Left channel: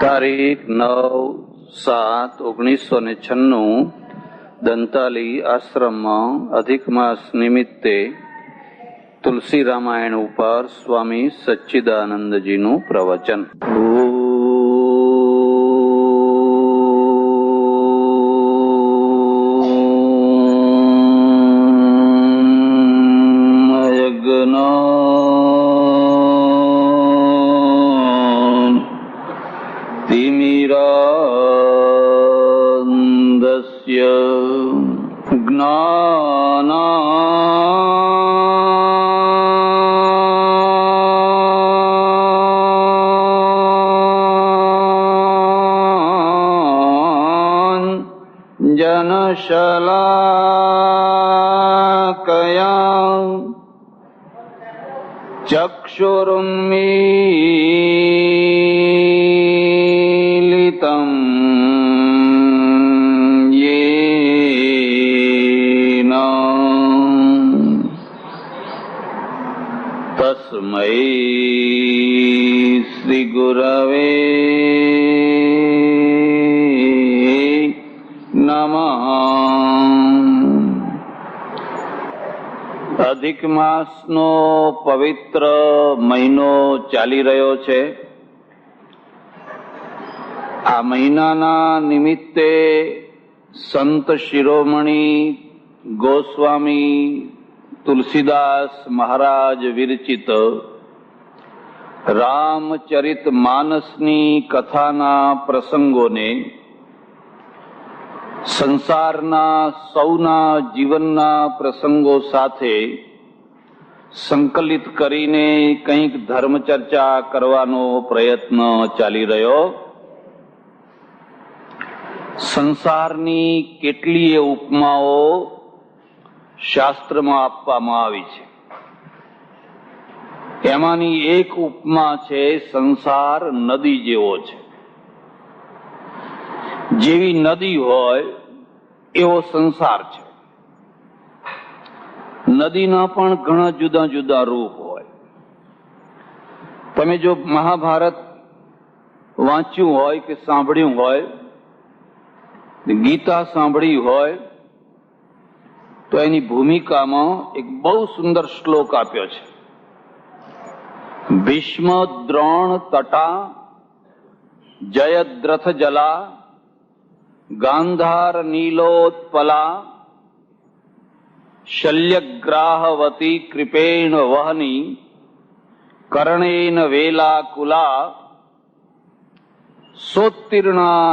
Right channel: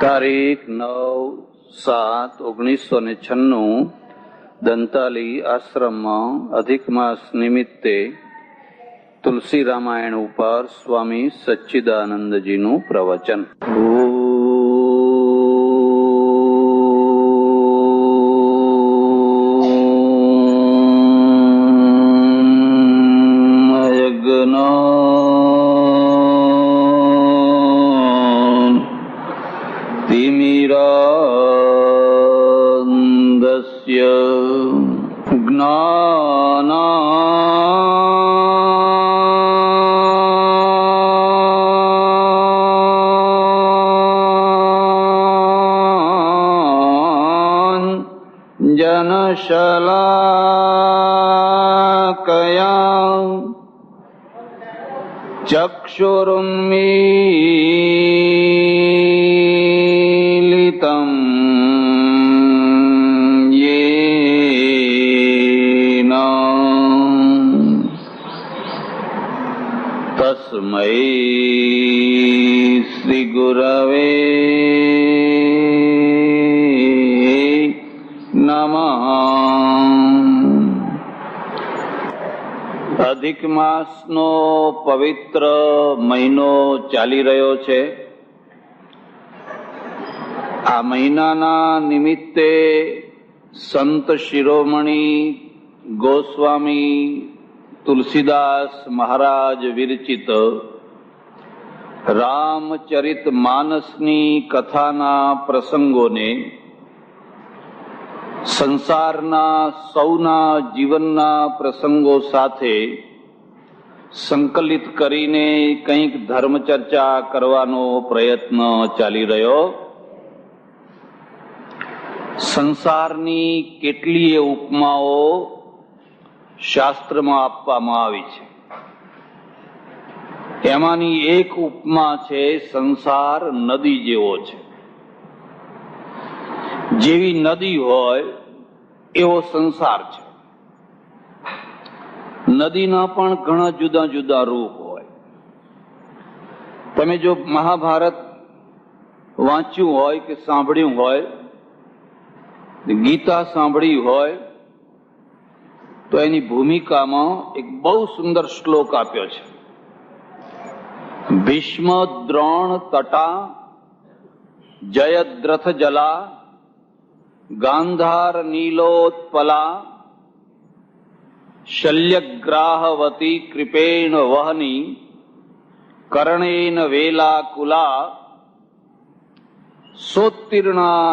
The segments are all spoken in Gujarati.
તારીખ 9/7/1996 દંતાલી આશ્રમમાં અધિક માસ નિમિત્તે તુલસી રામાયણ ઉપર સ્વામી સચ્ચિદાનંદજીનું પ્રવચન. જનશલાકયા ચક્ષુરુન્મીલિતં યેન તસ્મૈ શ્રી ગુરવે અધિક માસનો પવિત્ર મહિનો ચાલી રહ્યો છે. આ મહિનાના નિમિત્તે સંત શિરોમણી ગોસ્વામી તુલસીદાસ મહારાજ વિરચિત રામચરિત માનસની કથાના પ્રસંગોને સંસારના સૌના જીવનના પ્રસંગો સાથે સંકલિત કરીને કંઈક ધર્મચર્ચા કરવાનો પ્રયત્ન ચાલી રહ્યો. સંસારની કેટલીય ઉપમાઓ શાસ્ત્રમાં આપવામાં આવી છે. તેમાંની એક ઉપમા છે સંસાર નદી જેવો છે. જેવી નદી હોય એવો સંસાર છે. નદીના પણ ઘણા જુદા જુદા રૂપ હોય. તમે જો મહાભારત વાંચ્યું હોય કે સાંભળ્યું હોય, ગીતા સાંભળી હોય, તો એની ભૂમિકામાં એક બહુ સુંદર શ્લોક આપ્યો છે. ભીષ્મ દ્રોણ તટા જયદ્રથ જલા ગાંધાર નીલોત્પલા શલ્યગ્રાહવતી કૃપેણ વહની કર્ણેન વેલાકુલા સોત્તીર્ણા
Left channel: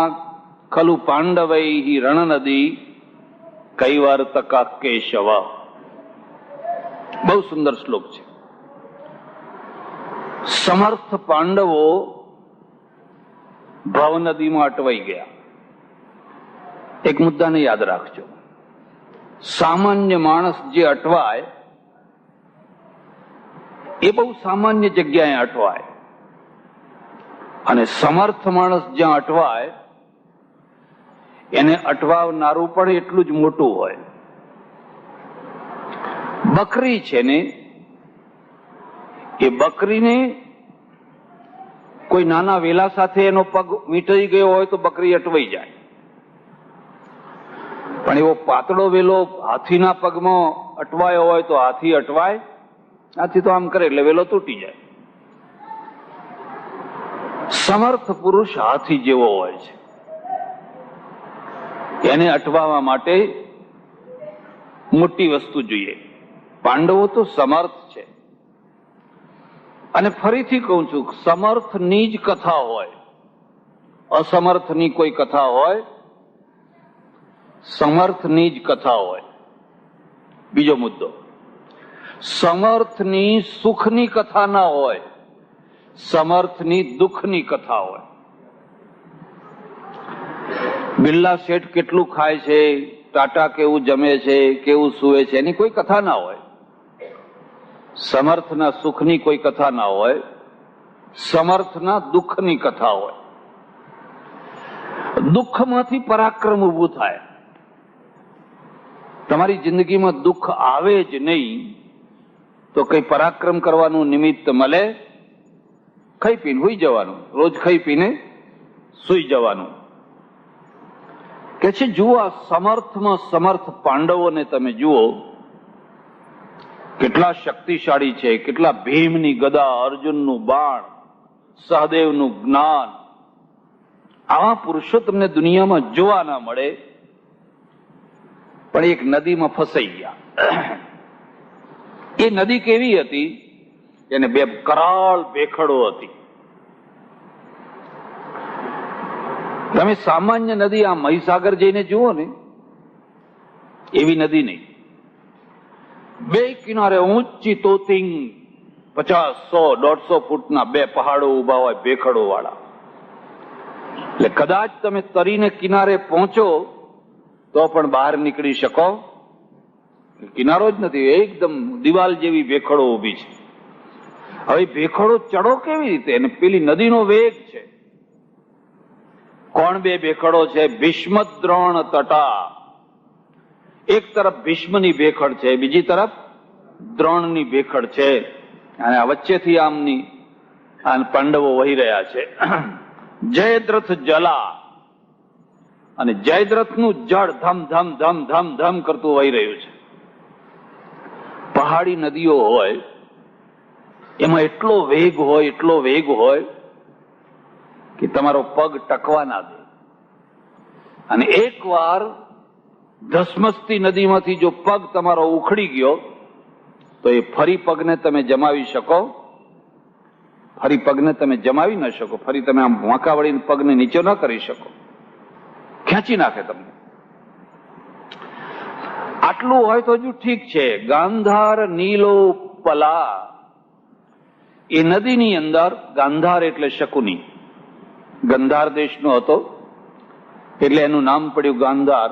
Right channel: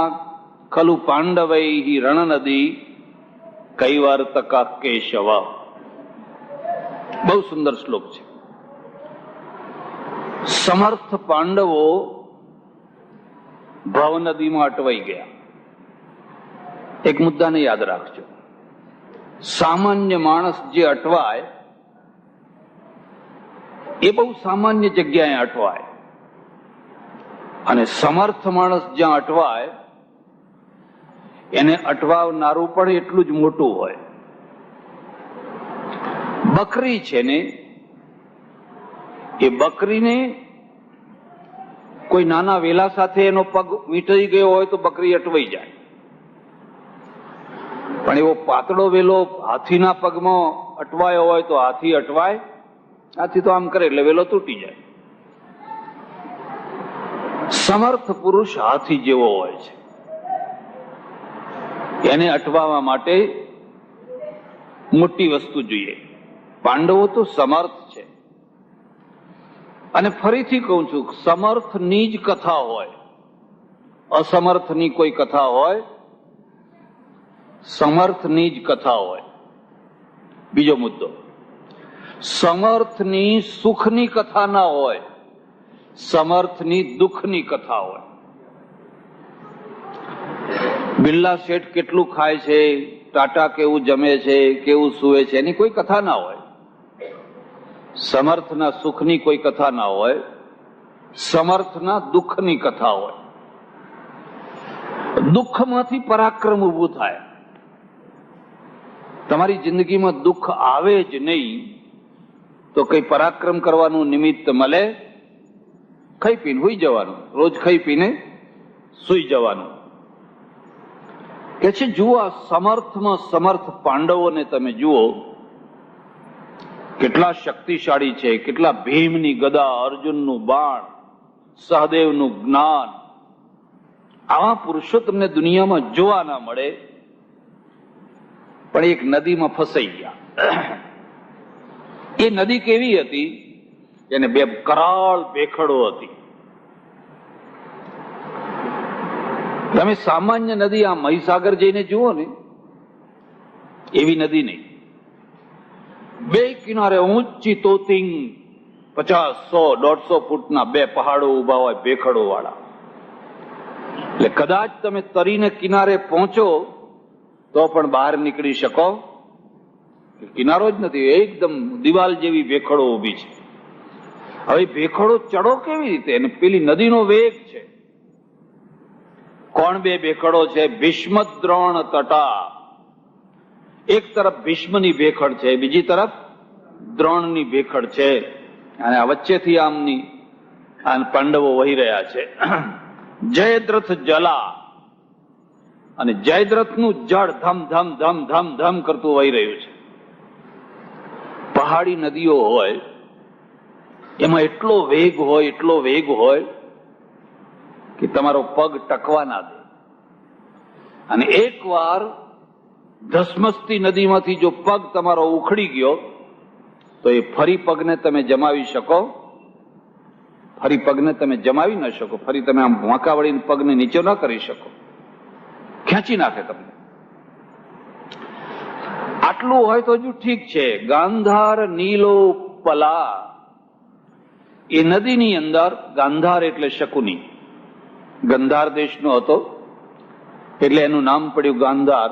ખલુ પાંડવૈઃ રણનદી કૈવર્તકા કેશવ. બહુ સુંદર શ્લોક છે. સમર્થ પાંડવો ભવનદીમાં અટવાઈ ગયા. એક મુદ્દાને યાદ રાખજો. સામાન્ય માણસ જે અટવાય એ બહુ સામાન્ય જગ્યાએ અટવાય, અને સમર્થ માણસ જ્યાં અટવાય એને અટવાવનારું પણ એટલું જ મોટું હોય. બકરી છે ને, એ બકરીને કોઈ નાના વેલા સાથે એનો પગ વીંટાઈ ગયો હોય તો બકરી અટવાઈ જાય. પણ એવો પાતળો વેલો હાથીના પગમાં અટવાયો હોય તો હાથી અટવાય? હાથી તો આમ કરે એટલે વેલો તૂટી જાય. સમર્થ પુરુષ હાથી જેવો હોય છે. એને અટવાવા માટે મોટી વસ્તુ જોઈએ. પાંડવો તો સમર્થ છે. અને ફરીથી કહું છું, સમર્થની જ કથા હોય, અસમર્થની કોઈ કથા હોય? સમર્થની જ કથા હોય. બીજો મુદ્દો, સમર્થની સુખની કથા ના હોય, સમર્થની દુઃખની કથા હોય. બિરલા શેઠ કેટલું ખાય છે, ટાટા કેવું જમે છે, કેવું સૂવે છે, એની કોઈ કથા ના હોય. સમર્થના સુખની કોઈ કથા ના હોય, સમર્થના દુઃખની કથા હોય. દુઃખમાંથી પરાક્રમ ઊભું થાય. તમારી જિંદગીમાં દુઃખ આવે જ નહીં તો કઈ પરાક્રમ કરવાનું નિમિત્ત મળે? ખાઈ પીને હોઈ જવાનું, રોજ ખાઈ પીને સુઈ જવાનું. કે છે જુઓ આ સમર્થમાં સમર્થ પાંડવોને તમે જુઓ, કેટલા શક્તિશાળી છે, કેટલા ભીમની ગદા, અર્જુનનું બાણ, સહદેવનું જ્ઞાન. આવા પુરુષો તમને દુનિયામાં જોવા ના મળે. પણ એક નદીમાં ફસાઈ ગયા. એ નદી કેવી હતી? એને બે કરાળ ભેખડો હતી. તમે સામાન્ય નદી આ મહીસાગર જઈને જુઓ ને, એવી નદી નહીં. બે કિનારે ઊંચી તોતિંગ 50, 100, 150 ફૂટના બે પહાડો ઉભા હોય ભેખડો વાળા. એટલે કદાચ તમે તરીને કિનારે પહોંચો તો પણ બહાર નીકળી શકો. કિનારો જ નથી, એકદમ દિવાલ જેવી ભેખડો ઉભી છે. હવે ભેખડો ચડો કેવી રીતે? અને પેલી નદીનો વેગ છે. કોણ બે ભેખડો છે? ભીષ્મ દ્રોણ તટા. એક તરફ ભીષ્મની ભેખડ છે, બીજી તરફ દ્રોણની ભેખડ છે. અને આ વચ્ચેથી આમની પાંડવો વહી રહ્યા છે. જયદ્રથ જલા, અને જયદ્રથનું જળ ધમ ધમ ધમ ધમ ધમ કરતું વહી રહ્યું છે. પહાડી નદીઓ હોય એમાં એટલો વેગ હોય, એટલો વેગ હોય કે તમારો પગ ટકવા ના દે. અને એકવાર ધસમસતી નદીમાંથી જો પગ તમારો ઉખડી ગયો તો એ ફરી પગને તમે જમાવી શકો? ફરી પગને તમે જમાવી ન શકો. ફરી તમે આમ વાંકા વળીને પગને નીચે ન કરી શકો, ખેંચી નાખે તમને. આટલું હોય તો હજુ ઠીક છે. ગાંધાર નીલો પલા, એ નદીની અંદર, ગાંધાર એટલે શકુની, ગંધાર દેશનો હતો એટલે એનું નામ પડ્યું ગાંધાર.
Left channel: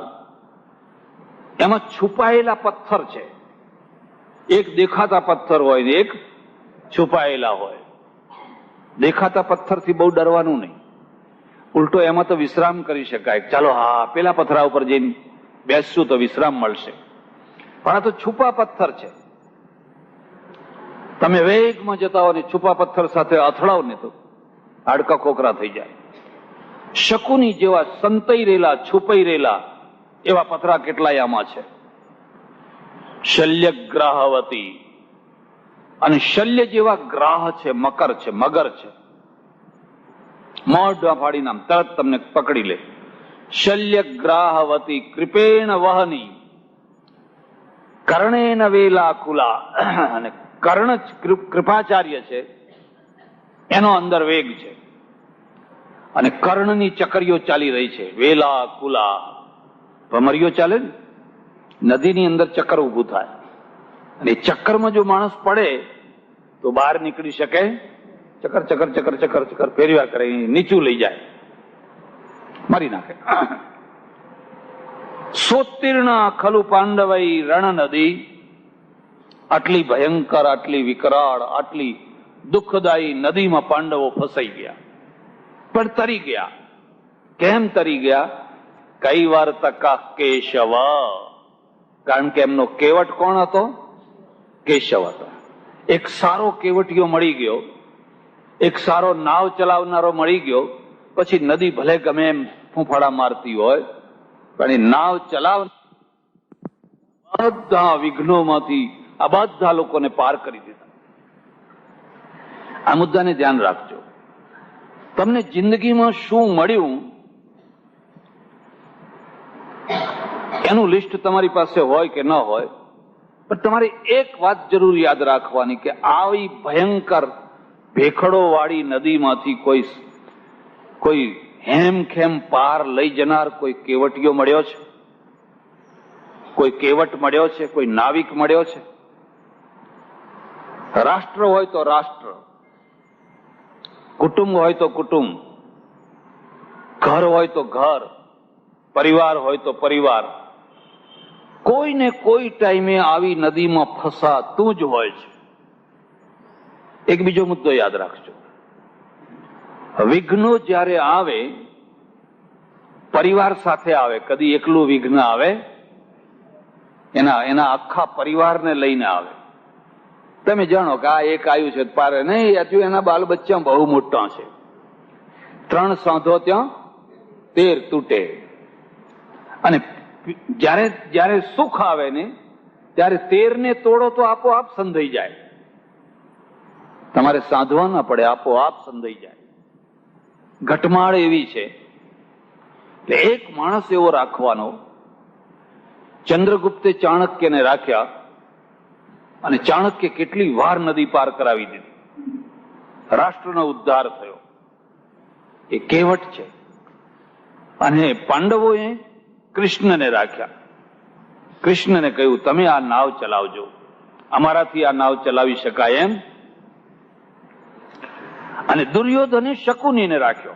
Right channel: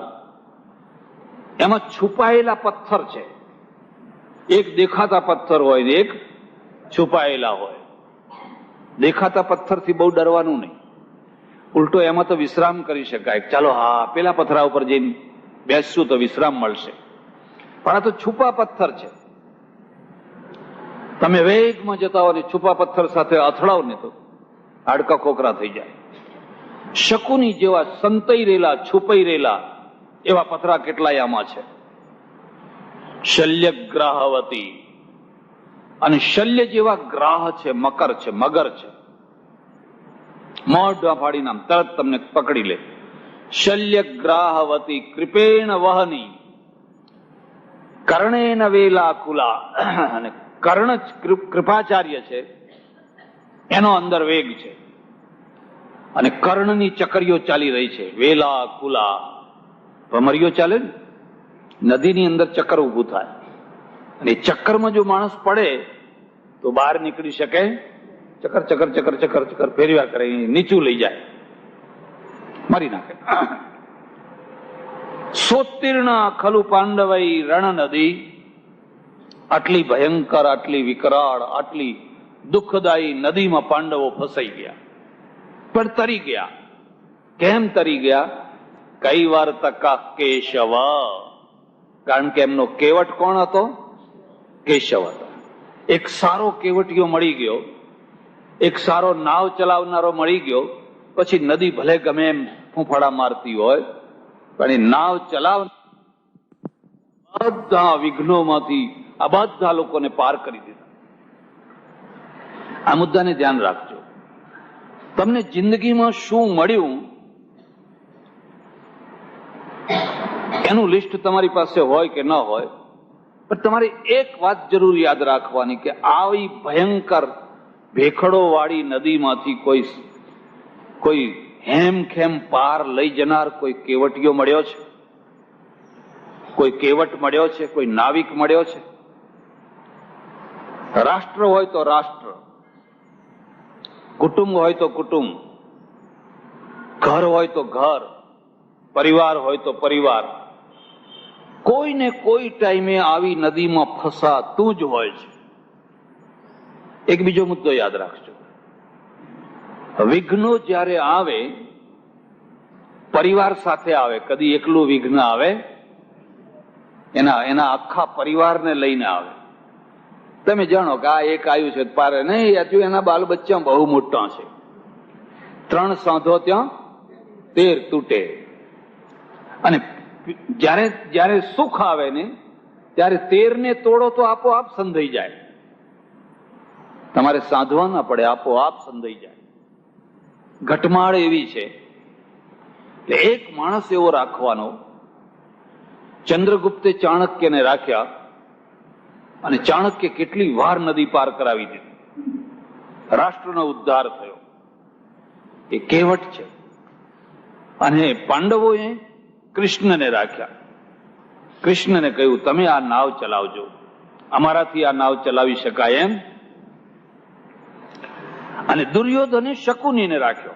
એમાં છુપાયેલા પથ્થર છે. એક દેખાતા પથ્થર હોય ને એક છુપાયેલા હોય. દેખાતા પથ્થરથી બહુ ડરવાનું નહીં, ઉલટો એમાં તો વિશ્રામ કરી શકાય. ચાલો હા પેલા પથ્થરા ઉપર જઈને બેસશું તો વિશ્રામ મળશે. પણ આ તો છુપા પથ્થર છે. તમે વેગમાં જતા હો ને છુપા પથ્થર સાથે અથડાવ ને તો હાડકા ખોખરા થઈ જાય. શકુની જેવા સંતાઈ રહેલા, છુપાઈ રહેલા એવા પથરા કેટલાય આમાં છે. શલ્યગ્રાહવતી, અને શલ્ય જેવા ગ્રાહ છે, મકર છે, મગર છે. મોઢા ફાડીને આમ તરત તમને પકડી લે. શલ્યગ્રાહવતી કૃપેણ વહની કર્ણેન વેલાકુલા, અને કર્ણ કૃપાચાર્ય છે, એનો અંદર વેગ છે. અને કર્ણની ચકરીઓ ચાલી રહી છે. વેલાકુલા ભમરીઓ ચાલે ને, નદીની અંદર ચક્કર ઉભું થાય. અને ચક્કરમાં જો માણસ પડે તો બહાર નીકળી શકે? ચક્કર ચક્કર ચક્કર ચક્કર ચક્કર ફેરવ્યા કરે, નીચું લઈ જાય, મારી નાખે. સોત્તીર્ણ ખલુ પાંડવઈ રણ નદી, આટલી ભયંકર, આટલી વિકરાળ, આટલી દુઃખદાયી નદીમાં પાંડવો ફસાઈ ગયા. પણ તરી ગયા. કેમ તરી ગયા? કઈ વાર તકા કેશવ, કારણ કે એમનો કેવટ કોણ હતો? કેશવ હતો. એક સારો કેવટીયો મળી ગયો, એક સારો નાવ ચલાવનારો મળી ગયો. પછી નદી ભલે ગમે એમ ફૂંફાડા મારતી હોય, પણ એ નાવ ચલાવ બધા વિઘ્નોમાંથી આ બધા લોકોને પાર કરી દીધા. આ મુદ્દાને ધ્યાન રાખજો. તમને જિંદગીમાં શું મળ્યું એનું લિસ્ટ તમારી પાસે હોય કે ન હોય, પણ તમારે એક વાત જરૂર યાદ રાખવાની કે આવી ભયંકર ભેખડો વાળી નદીમાંથી કોઈ હેમખેમ પાર લઈ જનાર કોઈ કેવટીયો મળ્યો છે? કોઈ કેવટ મળ્યો છે? કોઈ નાવિક મળ્યો છે? રાષ્ટ્ર હોય તો રાષ્ટ્ર, કુટુંબ હોય તો કુટુંબ, ઘર હોય તો ઘર, પરિવાર હોય તો પરિવાર, કોઈને કોઈ ટાઈમે આવી નદીમાં ફસાતું જ હોય છે. એક બીજો મુદ્દો યાદ રાખજો. વિઘ્નો જ્યારે આવે, પરિવાર સાથે આવે. કદી એકલું વિઘ્ન આવે? એના આખા પરિવારને લઈને આવે. તમે જાણો કે આ એક આવ્યું છે પારે નહીં, હજુ એના બાલ બચ્ચા બહુ મોટા છે. 3 સાંધો ત્યાં તેર તૂટે. અને જ્યારે જ્યારે સુખ આવે ને ત્યારે તેરને તોડો તો આપોઆપ સંધાઈ જાય. તમારે સાધવા ના પડે, આપોઆપ સંધાઈ જાય. ઘટમાળ એવી છે. એટલે એક માણસ એવો રાખવાનો. ચંદ્રગુપ્તે ચાણક્યને રાખ્યા અને ચાણક્ય કેટલી વાર નદી પાર કરાવી દીધી. રાષ્ટ્રનો ઉદ્ધાર થયો. એ કહેવત છે. અને પાંડવોએ કૃષ્ણને રાખ્યા. કૃષ્ણને કહ્યું, તમે આ નાવ ચલાવજો, અમારાથી આ નાવ ચલાવી શકાય એમ. અને દુર્યોધને શકુનીને રાખ્યો.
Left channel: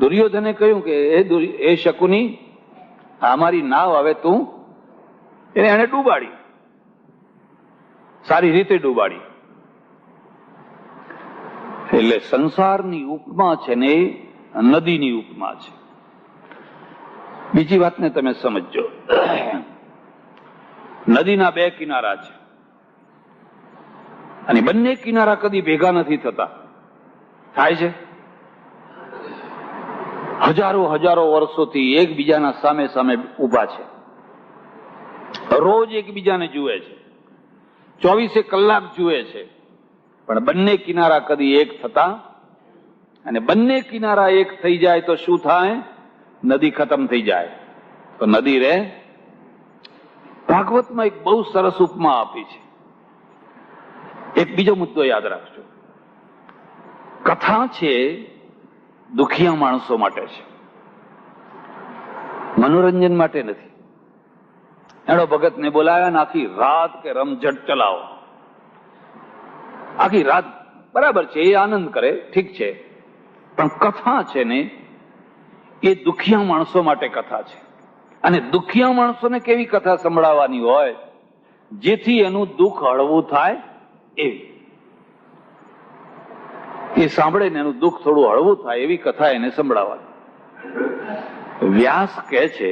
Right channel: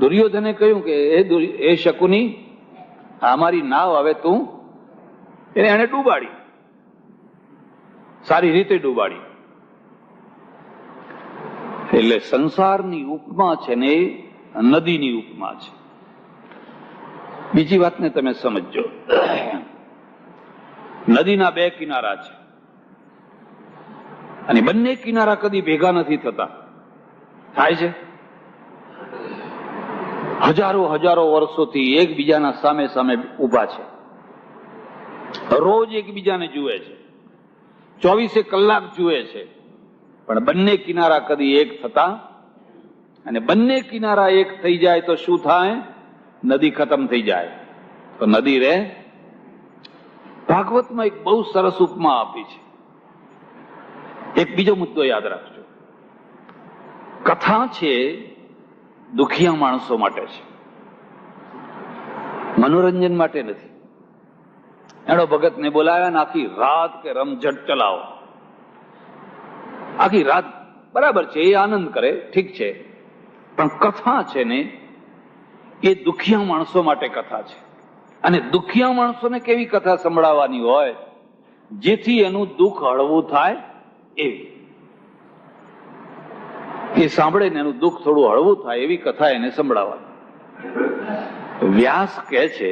દુર્યોધને કહ્યું કે એ શકુની, અમારી નાવ હવે તું, એને ડૂબાડી, સારી રીતે ડૂબાડી. એટલે સંસારની ઉપમા છે ને એ નદીની ઉપમા છે. બીજી વાતને તમે સમજો. નદીના બે કિનારા છે અને બંને કિનારા કદી ભેગા નથી થતા. થાય છે? હજારો હજારો વર્ષોથી એકબીજાના સામે સામે ઉભા છે. રોજ એકબીજાને જુએ છે, 24 કલાક જુએ છે, પણ બંને કિનારા કદી એક થતા. અને બંને કિનારા એક થઈ જાય તો શું થાય? નદી ખતમ થઈ જાય તો નદી રહે. ભાગવતમાં એક બહુ સરસ ઉપમા આપી છે. એક બીજો મુદ્દો યાદ રાખજો. કથા છે દુખિયા માણસો માટે છે, મનોરંજન માટે નથી. એનો ભગતને બોલાવ્યા ને આખી રાત કે રમઝટ ચલાવો. આખી રાત બરાબર છે, એ આનંદ કરે, ઠીક છે, પણ કથા છે ને એ દુખિયા માણસો માટે કથા છે. અને દુખિયા માણસોને કેવી કથા સંભળાવવાની હોય જેથી એનું દુઃખ હળવું થાય એવી. એ સાંભળે ને એનું દુઃખ થોડું હળવું થાય એવી કથા એને સંભળાવવાની. વ્યાસ કહે છે,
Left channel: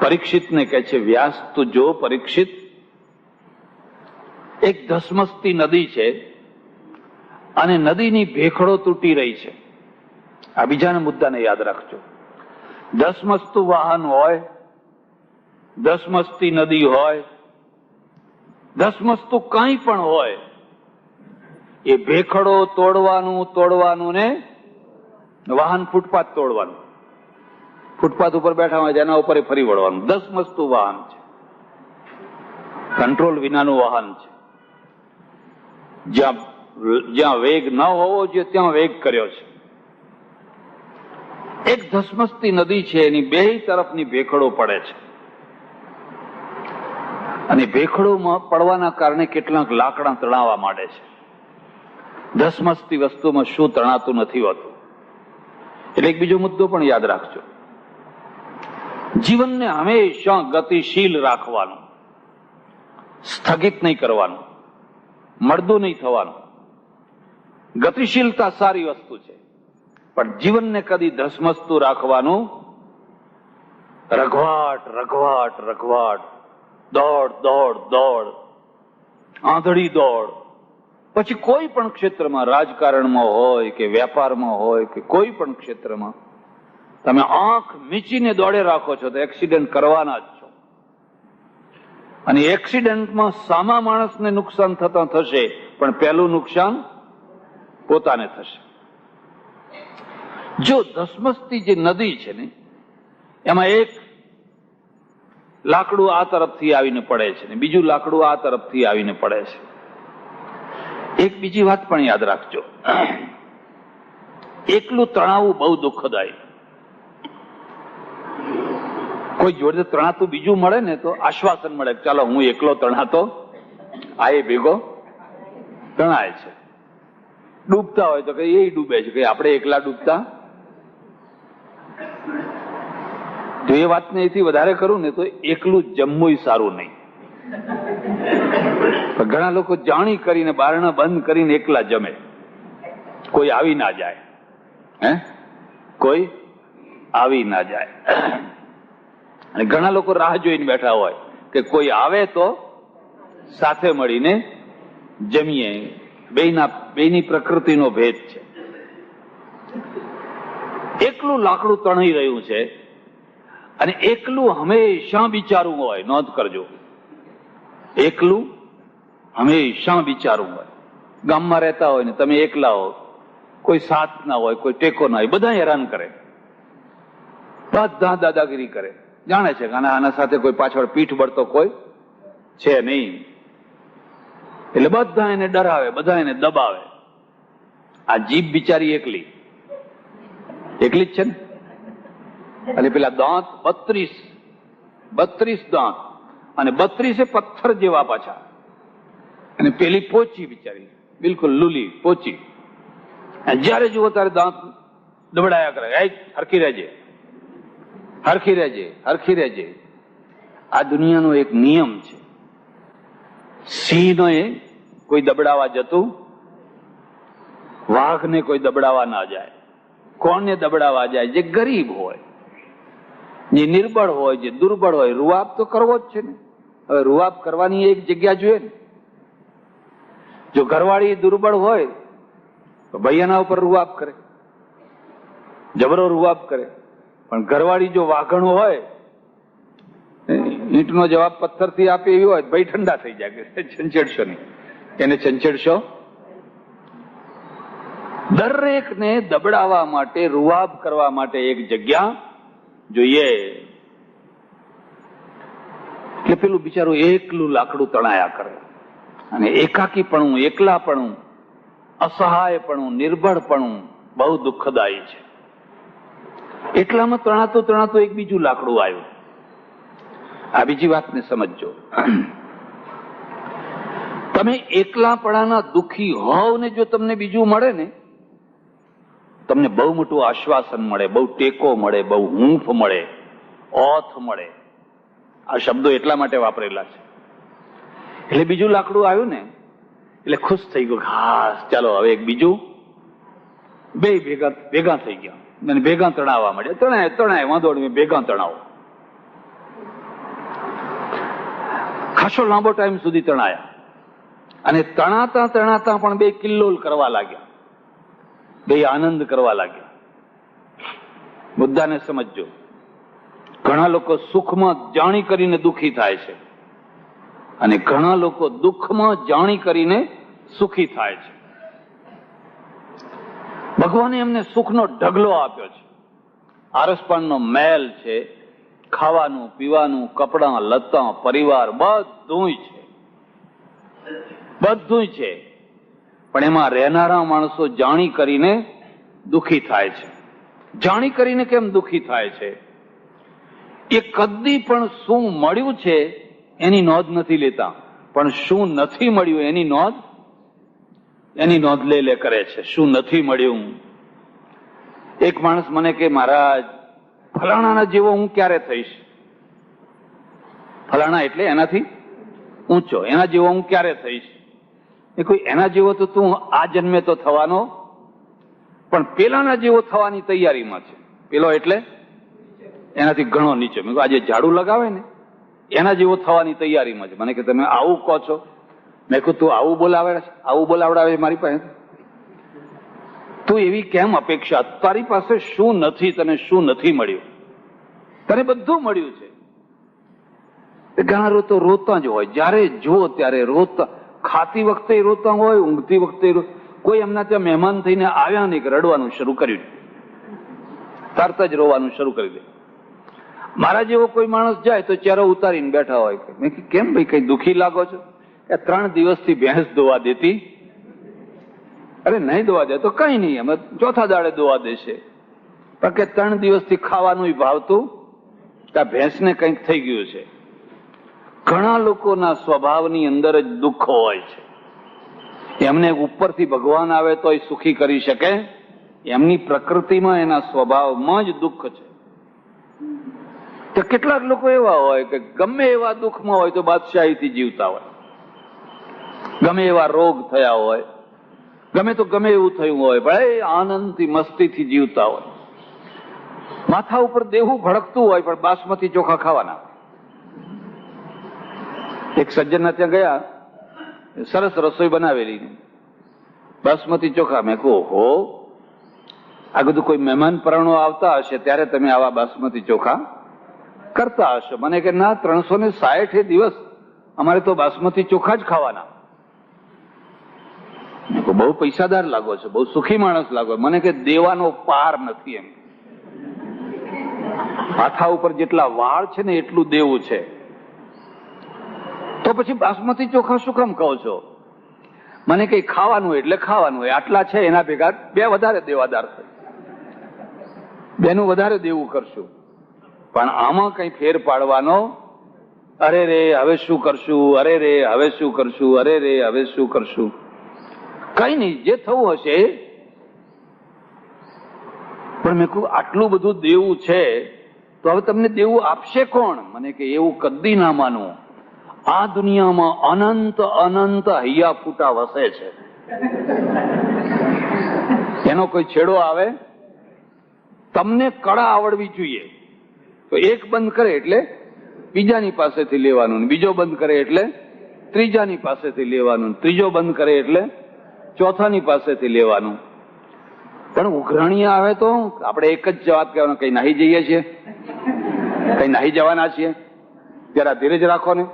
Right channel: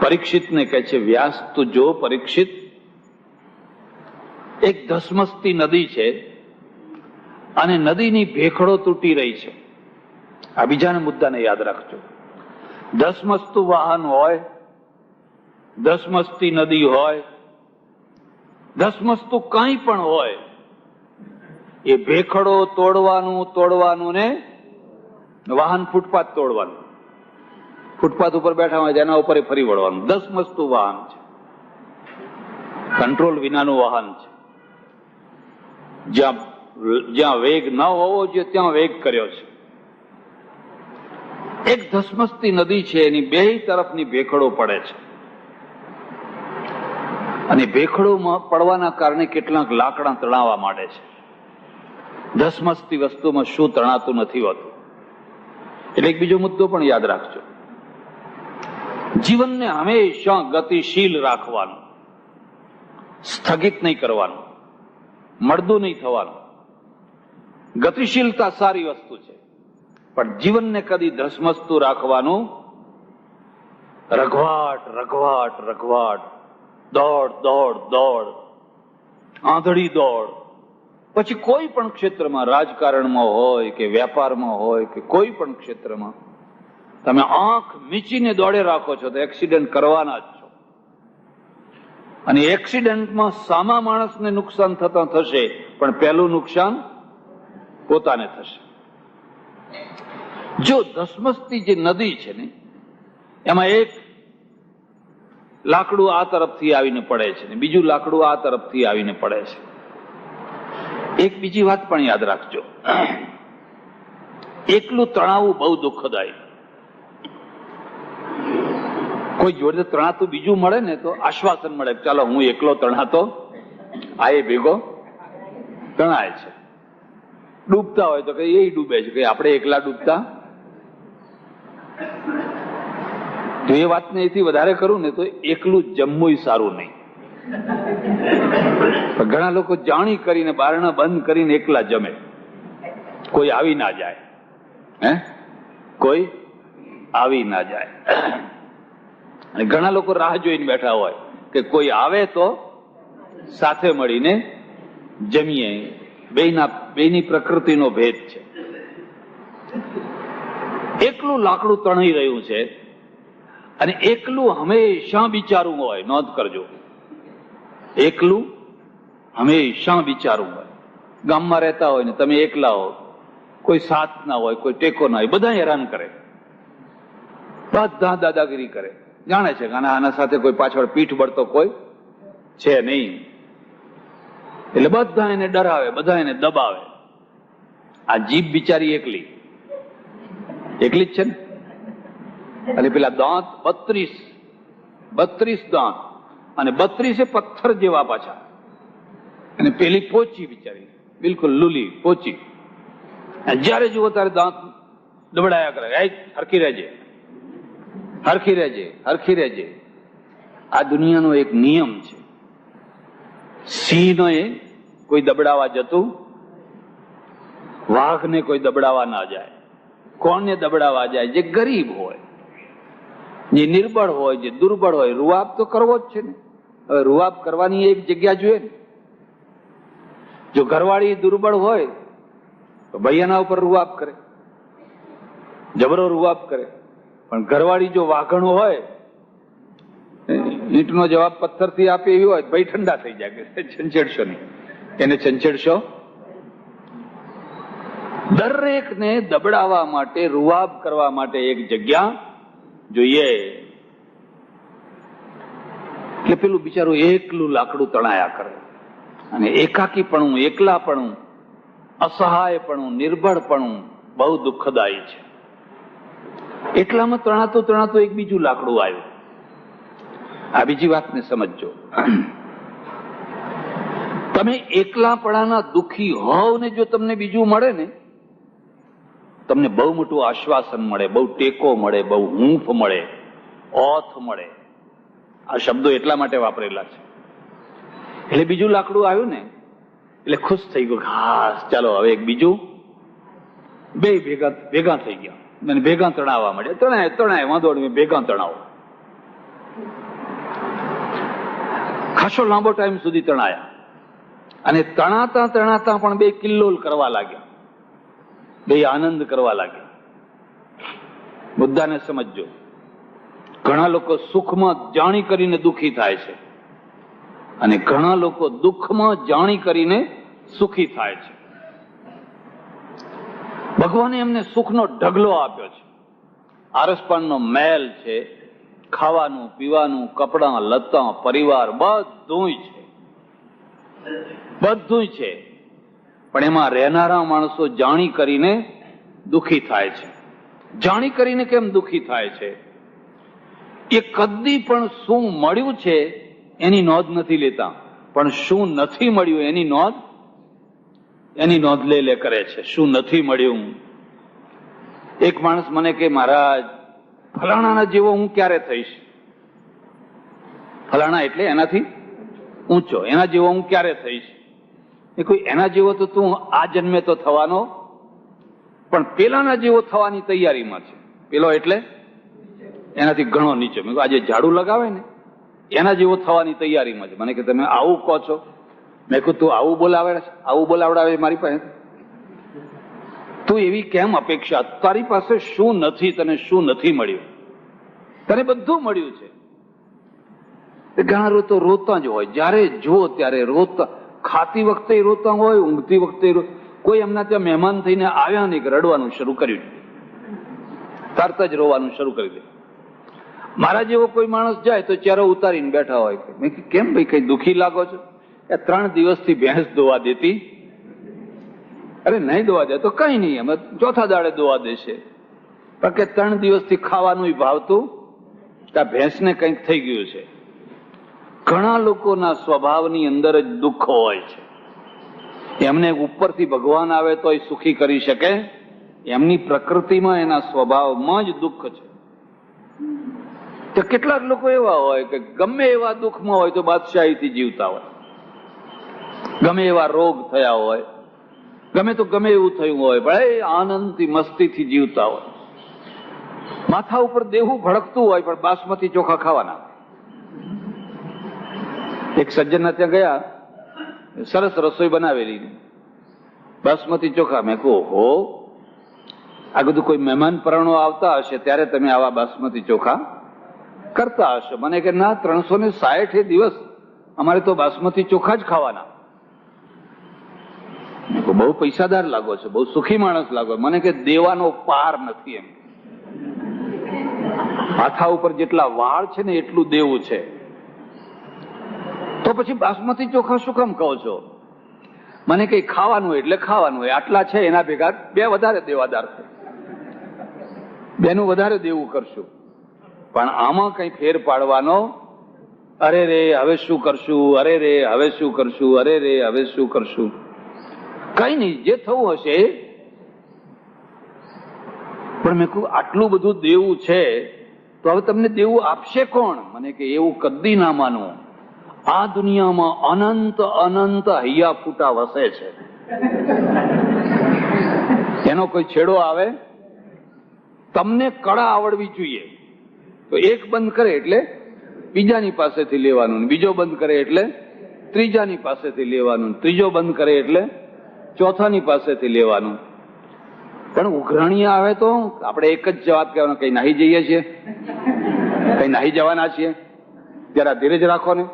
પરીક્ષિતને કહે છે, વ્યાસ તું જો પરીક્ષિત, એક ધસમસતી નદી છે અને નદીની ભેખડો તૂટી રહી છે. આ બીજાના મુદ્દાને યાદ રાખજો. ધસમસતું વાહન હોય, ધસમસતી નદી હોય, ધસમસતું કંઈ પણ હોય, એ ભેખડો તોડવાનું ને વાહન ફૂટપાથ તોડવાનું. ફૂટપાથ ઉપર બેઠા હોય જેના ઉપર ફરી વળવાનું. ધસમસતું વાહન છે, કંટ્રોલ વિનાનું વાહન છે. જ્યાં વેગ ન હોવો જોઈએ ત્યાં વેગ કર્યો છે. એક ધસમસતી નદી છે, એની બે તરફની ભેખડો પડે છે અને ભેખડોમાં પડવાના કારણે કેટલાક લાકડા તણાવવા માંડે છે. ધસમસતી વસ્તુમાં શું તણાતું નથી હોતું. એટલે એક બીજો મુદ્દો પણ યાદ રાખજો. જીવનને હંમેશા ગતિશીલ રાખવાનું, સ્થગિત નહીં કરવાનું, મળદું નહીં થવાનું. ગતિશીલતા સારી વસ્તુ છે, પણ જીવનને કદી ધસમસતું રાખવાનું. રઘવાટ રઘવાટ રઘવાટ, દોડ દોડ દોડ, આંધળી દોડ. પછી કોઈ પણ ક્ષેત્રમાં, રાજકારણમાં હોય કે વેપારમાં હોય કે કોઈ પણ ક્ષેત્રમાં તમે આંખ મીચીને દોડે રાખો છો તો એક્સિડન્ટ કરવાના જ છો. અને એક્સિડન્ટમાં સામા માણસને નુકસાન થતા થશે, પણ પહેલું નુકસાન પોતાને થશે. જો ધસમસતી જે નદી છે ને એમાં એક લાકડું આ તરફથી આવીને પડે છે ને બીજું લાકડું આ તરફથી આવીને પડે છે. એક બીજી વાત પણ યાદ રાખજો. એકલું તણાવું બહુ દુઃખદાયી. કોઈ જોડે તણાતું બીજું મળે ને તો આશ્વાસન મળે, ચાલો હું એકલો તણાતો, આ એ ભેગો તણાય છે. ડૂબતા હોય તો કે એ ડૂબે છે, કે આપણે એકલા ડૂબતા. જો એ વાતને એથી વધારે કરું ને તો એકલું જમવું સારું નહીં. ઘણા લોકો જાણી કરીને બારણા બંધ કરીને એકલા જમે, કોઈ આવી ના જાય. કોઈ આવી ના જાય. અને ઘણા લોકો રાહ જોઈને બેઠા હોય કે કોઈ આવે તો સાથે મળીને જમીએ. બેની પ્રકૃતિનો ભેદ છે. એકલું લાકડું તણાઈ રહ્યું છે અને એકલું હંમેશા બિચારું હોય. નોંધ કરજો, એકલું હંમેશા બિચારું હોય. ગામમાં રહેતા હોય ને તમે એકલા હો, કોઈ સાથ ના હોય, કોઈ ટેકો ના હોય, બધા હેરાન કરે, બધા દાદાગીરી કરે. જાણે છે કે આના સાથે કોઈ પાછળ પીઠ બળતો કોઈ છે નહીં, એટલે બધા એને ડરાવે, બધા એને દબાવે. આ જીભ બિચારી એકલી જ છે ને. અને પેલા દાંત 32 દાંત, અને 32 પથ્થર જેવા પાછા. અને પેલી પોચી બિચારી, બિલકુલ લુલી પોચી. જયારે જુઓ ત્યારે દાંત દબડાયા કરે, હરખી રહેજે, હરખી રહેજે, હરખી રહેજે. આ દુનિયાનો એક નિયમ છે. સિંહને કોઈ દબડાવા જતું, વાઘને કોઈ દબડાવા ના જાય. કોણને દબડાવા જાય? જે ગરીબ હોય, જે નિર્બળ હોય, જે દુર્બળ હોય. રૂઆબ તો કરવો જ છે ને. હવે રૂઆબ કરવાની એક જગ્યા જોઈએ ને. જો ઘરવાળી દુર્બળ હોય તો ભાઈ એના ઉપર રૂઆબ કરે, જબરો રૂઆબ કરે. પણ ઘરવાળી જો વાઘણો હોય, ઈંટનો જવાબ પથ્થરથી આપે એવી હોય, ભાઈ ઠંડા થઈ જાય, છંછેડશો નહીં, એને છંછેડશો. દરેકને દબડાવવા માટે, રૂઆબ કરવા માટે એક જગ્યા જોઈએ. એટલે પેલું બિચારું એકલું લાકડું તણાયા કરે. અને એકાકીપણું, એકલાપણું, અસહાયપણું, નિર્બળપણું બહુ દુઃખદાયી છે. એટલામાં તણાતું એક બીજું લાકડું આવ્યું. આ બીજી વાતને સમજજો. તમે એકલાપણાના દુઃખી હોવ ને જો તમને બીજું મળે ને, તમને બહુ મોટું આશ્વાસન મળે, બહુ ટેકો મળે, બહુ હૂંફ મળે, ઓથ મળે. આ શબ્દો એટલા માટે વાપરેલા છે. એટલે બીજું લાકડું આવ્યું ને એટલે ખુશ થઈ ગયો. ખાસ ચાલો હવે એક બીજું. બે ભેગા થઈ ગયા અને ભેગા તણાવવા માંડ્યા. તણાય વાંધો નહીં, ભેગા તણાવો. ખાસો લાંબો ટાઈમ સુધી તણાયા. અને તણાતા પણ બે કિલ્લોલ કરવા લાગ્યા, બે આનંદ કરવા લાગ્યા. મુદ્દાને સમજજો. ઘણા લોકો સુખમાં જાણી કરીને દુઃખી થાય છે, અને ઘણા લોકો દુઃખમાં જાણી કરીને સુખી થાય છે. ભગવાને એમને સુખનો ઢગલો આપ્યો છે. આરસપાનનો મહેલ છે, ખાવાનું, પીવાનું, કપડાં, લત્તા, પરિવાર બધું છે. પણ એમાં રહેનારા માણસો જાણી કરીને દુઃખી થાય છે. જાણી કરીને કેમ દુઃખી થાય છે? એ કદી પણ શું મળ્યું છે એની નોંધ નથી લેતા, પણ શું નથી મળ્યું એની નોંધ લે કરે છે. શું નથી મળ્યું? એક માણસ મને કે, મહારાજ ફલાણાના જેવો હું ક્યારે થઈશ? ફલાણા એટલે એનાથી ઊંચો, એના જેવો હું ક્યારે થઈશ? એ કોઈ એના જેવો તો તું આ જન્મે તો થવાનો, પણ પેલાના જેવો થવાની તૈયારીમાં છે. પેલો એટલે એનાથી ઘણો નીચે. મેં કહ્યું આજે ઝાડુ લગાવે ને એના જેવો થવાની તૈયારીમાં છે. મને કે તમે આવું કહો છો? મેં કહ્યું તું આવું બોલાવડાવે મારી પાસે? તું એવી કેમ અપેક્ષા? તારી પાસે શું નથી? તને શું નથી મળ્યું? તને બધું મળ્યું છે. ઘણા તો રોતા જ હોય, જયારે જુઓ ત્યારે રોતા. ખાતી વખતે રોતા હોય, ઊંઘતી વખતે. કોઈ એમના ત્યાં મહેમાન થઈને આવ્યા નહીં કે રડવાનું શરૂ કર્યું, તરત જ રોવાનું શરૂ કરી દે. મારા જેવો કોઈ માણસ જાય તો ચહેરો ઉતારીને બેઠા હોય. મેં કીધું કેમ ભાઈ, કઈ દુઃખી લાગો છો? 3 દિવસથી ભેંસ દોવા દેતી. અરે નહીં દોવા દે તો કઈ નહીં, અમે ચોથા દાડે દોવા દેશે. પણ કે 3 દિવસથી ખાવાનું ભાવતું, ત્યાં ભેંસને કંઈક થઈ ગયું છે. ઘણા લોકોના સ્વભાવની અંદર જ દુઃખ હોય છે. એમને ઉપરથી ભગવાન આવે તો એ સુખી કરી શકે? એમની પ્રકૃતિમાં, એના સ્વભાવમાં જ દુઃખ છે. તો કેટલાક લોકો એવા હોય કે ગમે એવા દુઃખમાં હોય તો બાદશાહીથી જીવતા હોય, ગમે એવા રોગ થયા હોય, ગમે એવું થયું હોય, ભલે આનંદથી મસ્તીથી જીવતા હોય. માથા ઉપર દેવું ભડકતું હોય પણ બાસમતી ચોખા ખાવાના. એક સજ્જનના ત્યાં ગયા, સરસ રસોઈ બનાવેલી, બાસમતી ચોખા. મેં કહું હો, આ બધું કોઈ મહેમાન પરણો આવતા હશે ત્યારે તમે આવા બાસમતી ચોખા કરતા હશો. મને કે ના, 360 દિવસ અમારે તો બાસમતી ચોખા જ ખાવાના. બહુ પૈસાદાર લાગો છો, બહુ સુખી માણસ લાગો. મને કે દેવાનો પાર નથી એમ. માથા ઉપર જેટલા વાળ છે ને એટલું દેવું છે. તો પછી બાસમતી ચોખા શું કામ કહો છો? મને કઈ ખાવાનું એટલે ખાવાનું હોય, આટલા છે એના ભેગા 2 વધારે દેવાદાર છે, 2નું વધારે દેવું કરશું. પણ આમાં કઈ ફેર પાડવાનો, અરે રે હવે શું કરશું, અરે રે હવે શું કરશું, અરે રે હવે શું કરશું, કઈ નહીં, જે થવું હશે. પણ મેં કહ્યું આટલું બધું દેવું છે તો હવે તમને દેવું આપશે કોણ? મને કે એવું કદી ના માનો. આ દુનિયામાં અનંત અનંત હૈયા ફૂટા વસે છે, એનો કોઈ છેડો આવે? તમને કળા આવડવી જોઈએ. તો એક બંધ કરે એટલે બીજાની પાસેથી લેવાનું, બીજો બંધ કરે એટલે ત્રીજાની પાસેથી લેવાનું, ત્રીજો બંધ કરે એટલે ચોથાની પાસેથી લેવાનું. પણ ઉઘરાણી આવે તો આપણે એક જ વાત કહેવાનું, કઈ નાહી જઈએ છીએ, કઈ નાહી જવાના છીએ, જરા ધીરજ રાખો ને.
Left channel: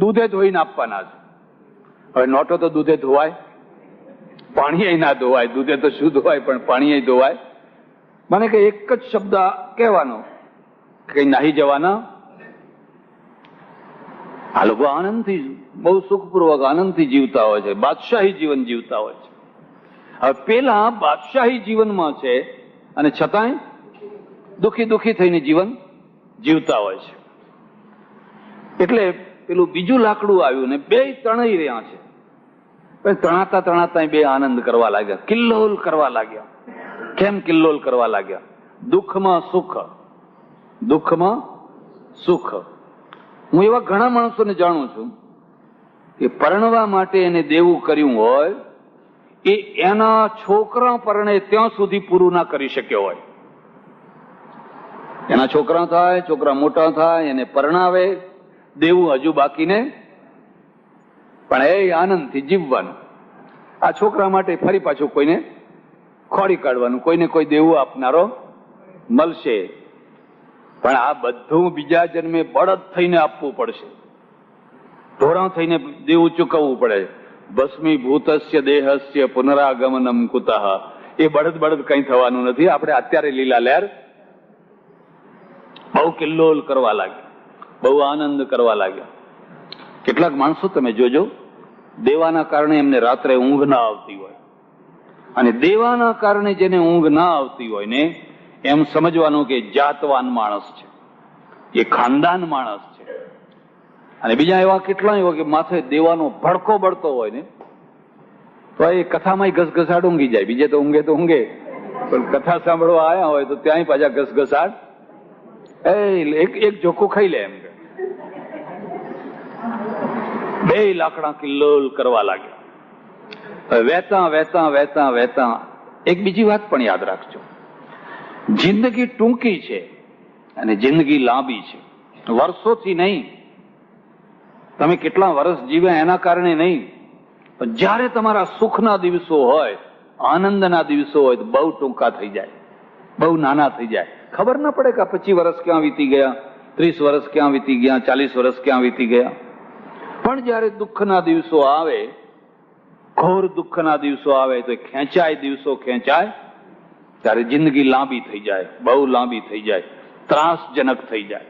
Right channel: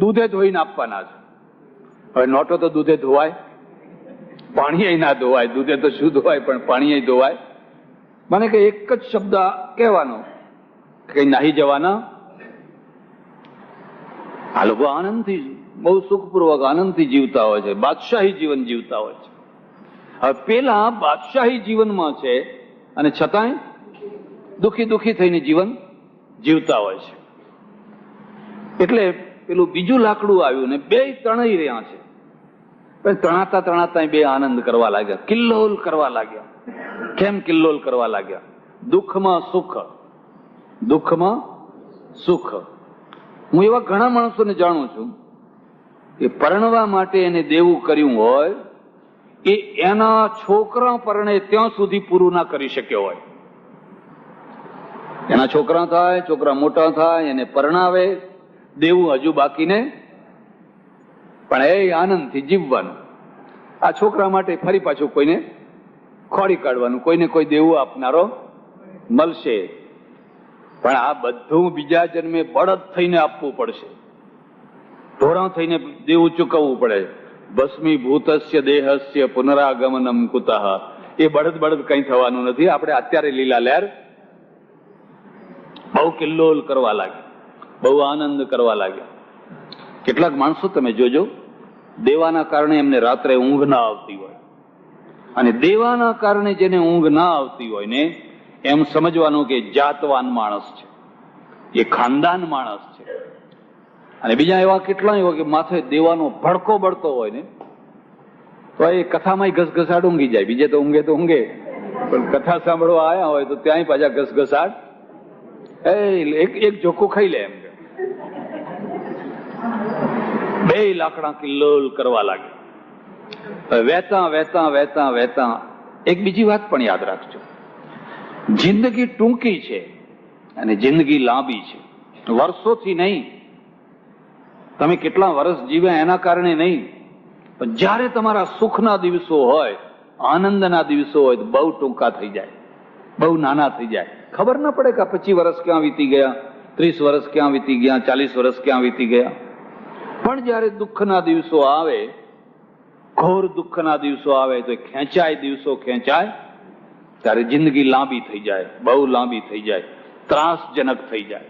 દૂધે ધોઈને આપવાના છે. હવે નોટો તો દૂધે ધોવાય, પાણી ના ધોવાય. દૂધે તો શું ધોવાય, પણ પાણી ધોવાય. મને કે એક જ શબ્દ કહેવાનો, કઈ નાહી જવાના. આ લોકો આનંદથી, બહુ સુખપૂર્વક આનંદથી જીવતા હોય છે, બાદશાહી જીવન જીવતા હોય છે. હવે પેલા બાદશાહી જીવનમાં છે અને છતાંય દુખી દુખી થઈને જીવન જીવતા હોય છે. એટલે પેલું બીજું લાકડું આવ્યું ને 2 તણાઈ રહ્યા છે. તણાતા તણાતા 2 આનંદ કરવા લાગ્યા, કિલ્લોલ કરવા લાગ્યા. કેમ કિલ્લોલ કરવા લાગ્યા? દુઃખમાં સુખ, દુઃખમાં સુખ. હું એવા ઘણા માણસોને જાણું છું કે પરણવા માટે એને દેવું કર્યું હોય એ એના છોકરા પરણે ત્યાં સુધી પૂરું ના કરી શક્યો હોય. એના છોકરા થાય, છોકરા મોટા થાય, એને પરણાવે, દેવું હજુ બાકીને, પણ એ આનંદથી જીવવાનું. આ છોકરા માટે ફરી પાછું કોઈને ખોડી કાઢવાનું, કોઈને કોઈ દેવું આપનારો મળશે. પણ આ બધું બીજા જન્મે બળદ થઈને આપવું પડશે, ઢોરા થઈને દેવું ચૂકવવું પડે. ભસ્મીભૂતસ્ય દેહસ્ય પુનરાગમનમ કુતઃ. એ બળદ બળદ કઈ થવાનું નથી. આપણે અત્યારે લીલા લહેર બહુ કિલ્લોલ કરવા લાગ્યા, બહુ આનંદ કરવા લાગ્યા. કેટલાક માણસો તમે જોજો, દેવાના કારણે એમને રાત્રે ઊંઘ ના આવતી હોય, અને દેવાના કારણે જેને ઊંઘ ના આવતી હોય ને એમ સમજવાનું કે જાતવાન માણસ છે, એ ખાનદાન માણસ છે. અને બીજા એવા કેટલા એવા કે માથે દેવાનો ભડકો બળતો હોય ને તો એ કથામાં ઘસઘસાટ ઊંઘી જાય. બીજે તો ઊંઘે તો ઊંઘે, પણ કથા સાંભળવા આવ્યા હોય તો ત્યાંય પાછા ઘસઘસાટ, એક જોખો ખાઈ લે એમ. 2 લાકડા કિલ્લોલ કરવા લાગે. વહેતા વહેતા વહેતા વહેતા એક બીજી વાત પણ યાદ રાખજો, જિંદગી ટૂંકી છે અને જિંદગી લાંબી છે. વર્ષોથી નહીં, તમે કેટલા વર્ષ જીવ્યા એના કારણે નહીં, પણ જયારે તમારા સુખના દિવસો હોય, આનંદના દિવસો હોય તો બહુ ટૂંકા થઈ જાય, બહુ નાના થઈ જાય. ખબર ના પડે કે 25 વર્ષ ક્યાં વીતી ગયા, 30 વર્ષ ક્યાં વીતી ગયા, 40 વર્ષ ક્યાં વીતી ગયા. પણ જયારે દુઃખના દિવસો આવે, ઘોર દુઃખના દિવસો આવે તો ખેંચાય, દિવસો ખેંચાય, ત્યારે જિંદગી લાંબી થઈ જાય, બહુ લાંબી થઈ જાય, ત્રાસજનક થઈ જાય.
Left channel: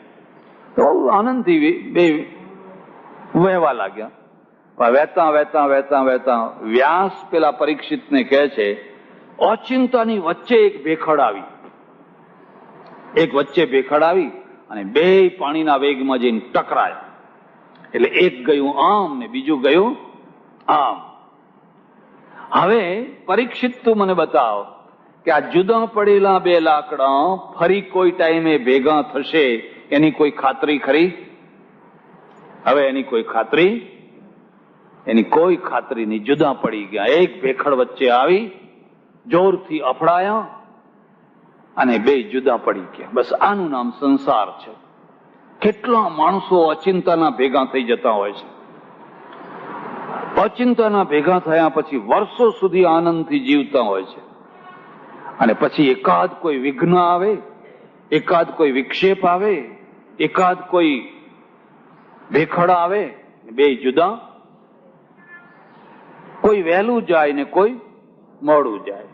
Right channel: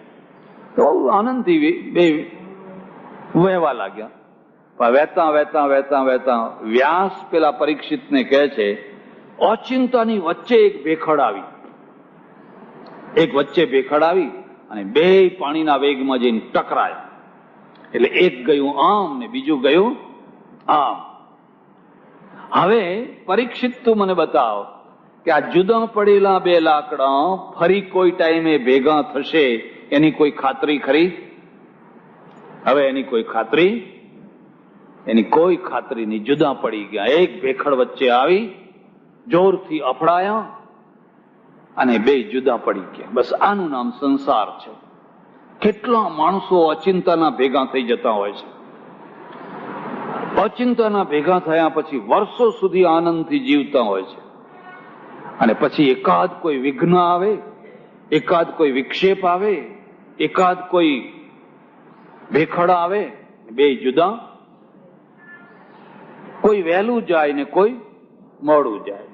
બહુ આનંદથી 2 વહેવા લાગ્યા. વહેતા વહેતા વહેતા વહેતા વ્યાસ પેલા પરીક્ષિતને કહે છે, અચિંતાની વચ્ચે એક ભેખડ આવી, એક વચ્ચે ભેખડ આવી અને 2 પાણીના વેગમાં જઈને ટકરાય. એટલે એક ગયું આમ ને બીજું ગયું આમ. હવે પરીક્ષિત તું મને બતાવ કે આ જુદા પડેલા 2 લાકડા ફરી કોઈ ટાઈમે ભેગા થશે એની કોઈ ખાતરી ખરી? હવે એની કોઈ ખાતરી, એની કોઈ ખાતરી નહીં. જુદા પડી ગયા, એક ભેખડ વચ્ચે આવી, જોરથી અફડાયા અને 2 જુદા પડી ગયા. બસ આનું નામ સંસાર છે. કેટલા માણસો અચિંતાના ભેગા થઈ જતા હોય છે. અચિંતાના ભેગા થયા પછી વર્ષો સુધી આનંદથી જીવતા હોય છે. અને પછી એકાદ કોઈ વિઘ્ન આવે, એકાદ કોઈ વિક્ષેપ આવે, એકાદ કોઈ ભેખડ આવે, બે જુદા, કોઈ વહેલું જાય ને કોઈ મોડું જાય.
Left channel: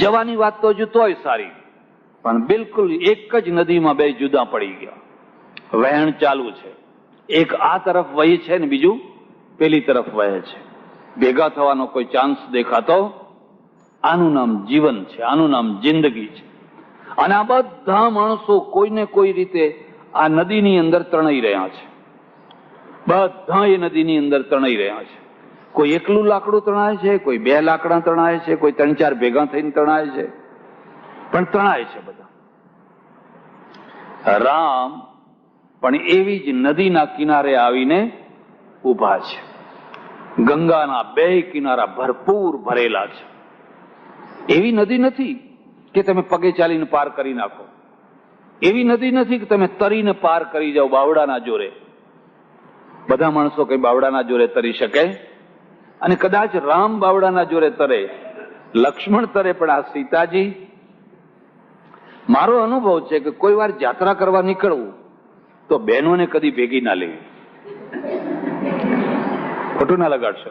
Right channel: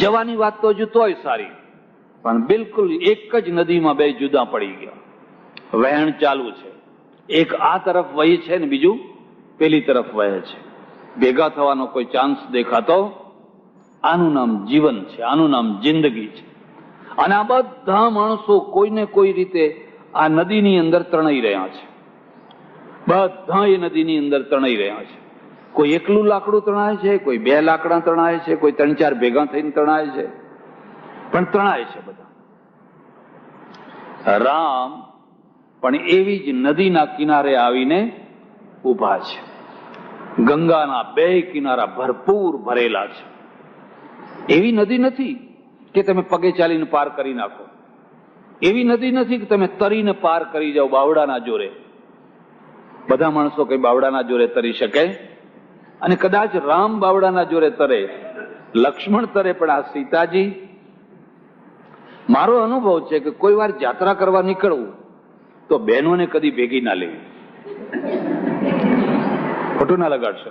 જવાની વાત તો હજુ તોય સારી, પણ બિલકુલ એક જ નદીમાં બે જુદા પડી ગયા. વહેણ ચાલુ છે, એક આ તરફ વહી છે ને બીજું પેલી તરફ વહે છે. ભેગા થવાનો કોઈ ચાન્સ દેખાતો? આનું નામ જીવન છે, આનું નામ જિંદગી છે. અને આ બધા માણસો કોઈને કોઈ રીતે આ નદીની અંદર તણાઈ રહ્યા છે. બધા એ નદીની અંદર તણાઈ રહ્યા છે. કોઈ એકલું લાકડું તણાય છે, કોઈ બે લાકડા તણાય છે, કોઈ 3-4 ભેગા થઈને તણાય છે, પણ તણાય છે બધા. રામ પણ એવી જ નદીના કિનારે આવીને ઉભા છે. ગંગાના બે કિનારા ભરપૂર ભરેલા છે. એવી નદી નથી કે તમે પગે ચાલીને પાર કરી નાખો. એવી નદી નથી કે તમે તરીને પાર કરી જાઓ બાવડાના જોરે. બધા માણસો કઈ બાવડાના જોરે તરી શકે? અને કદાચ રામ બાવડાના જોરે તરે, લક્ષ્મણ તરે, પણ આ સીતાજી, મારો અનુભવ છે કે કોઈ વાર યાત્રા કરવા નીકળવું તો બહેનોને કદી ભેગી ના લેવી. ખોટું ના લગાડશો.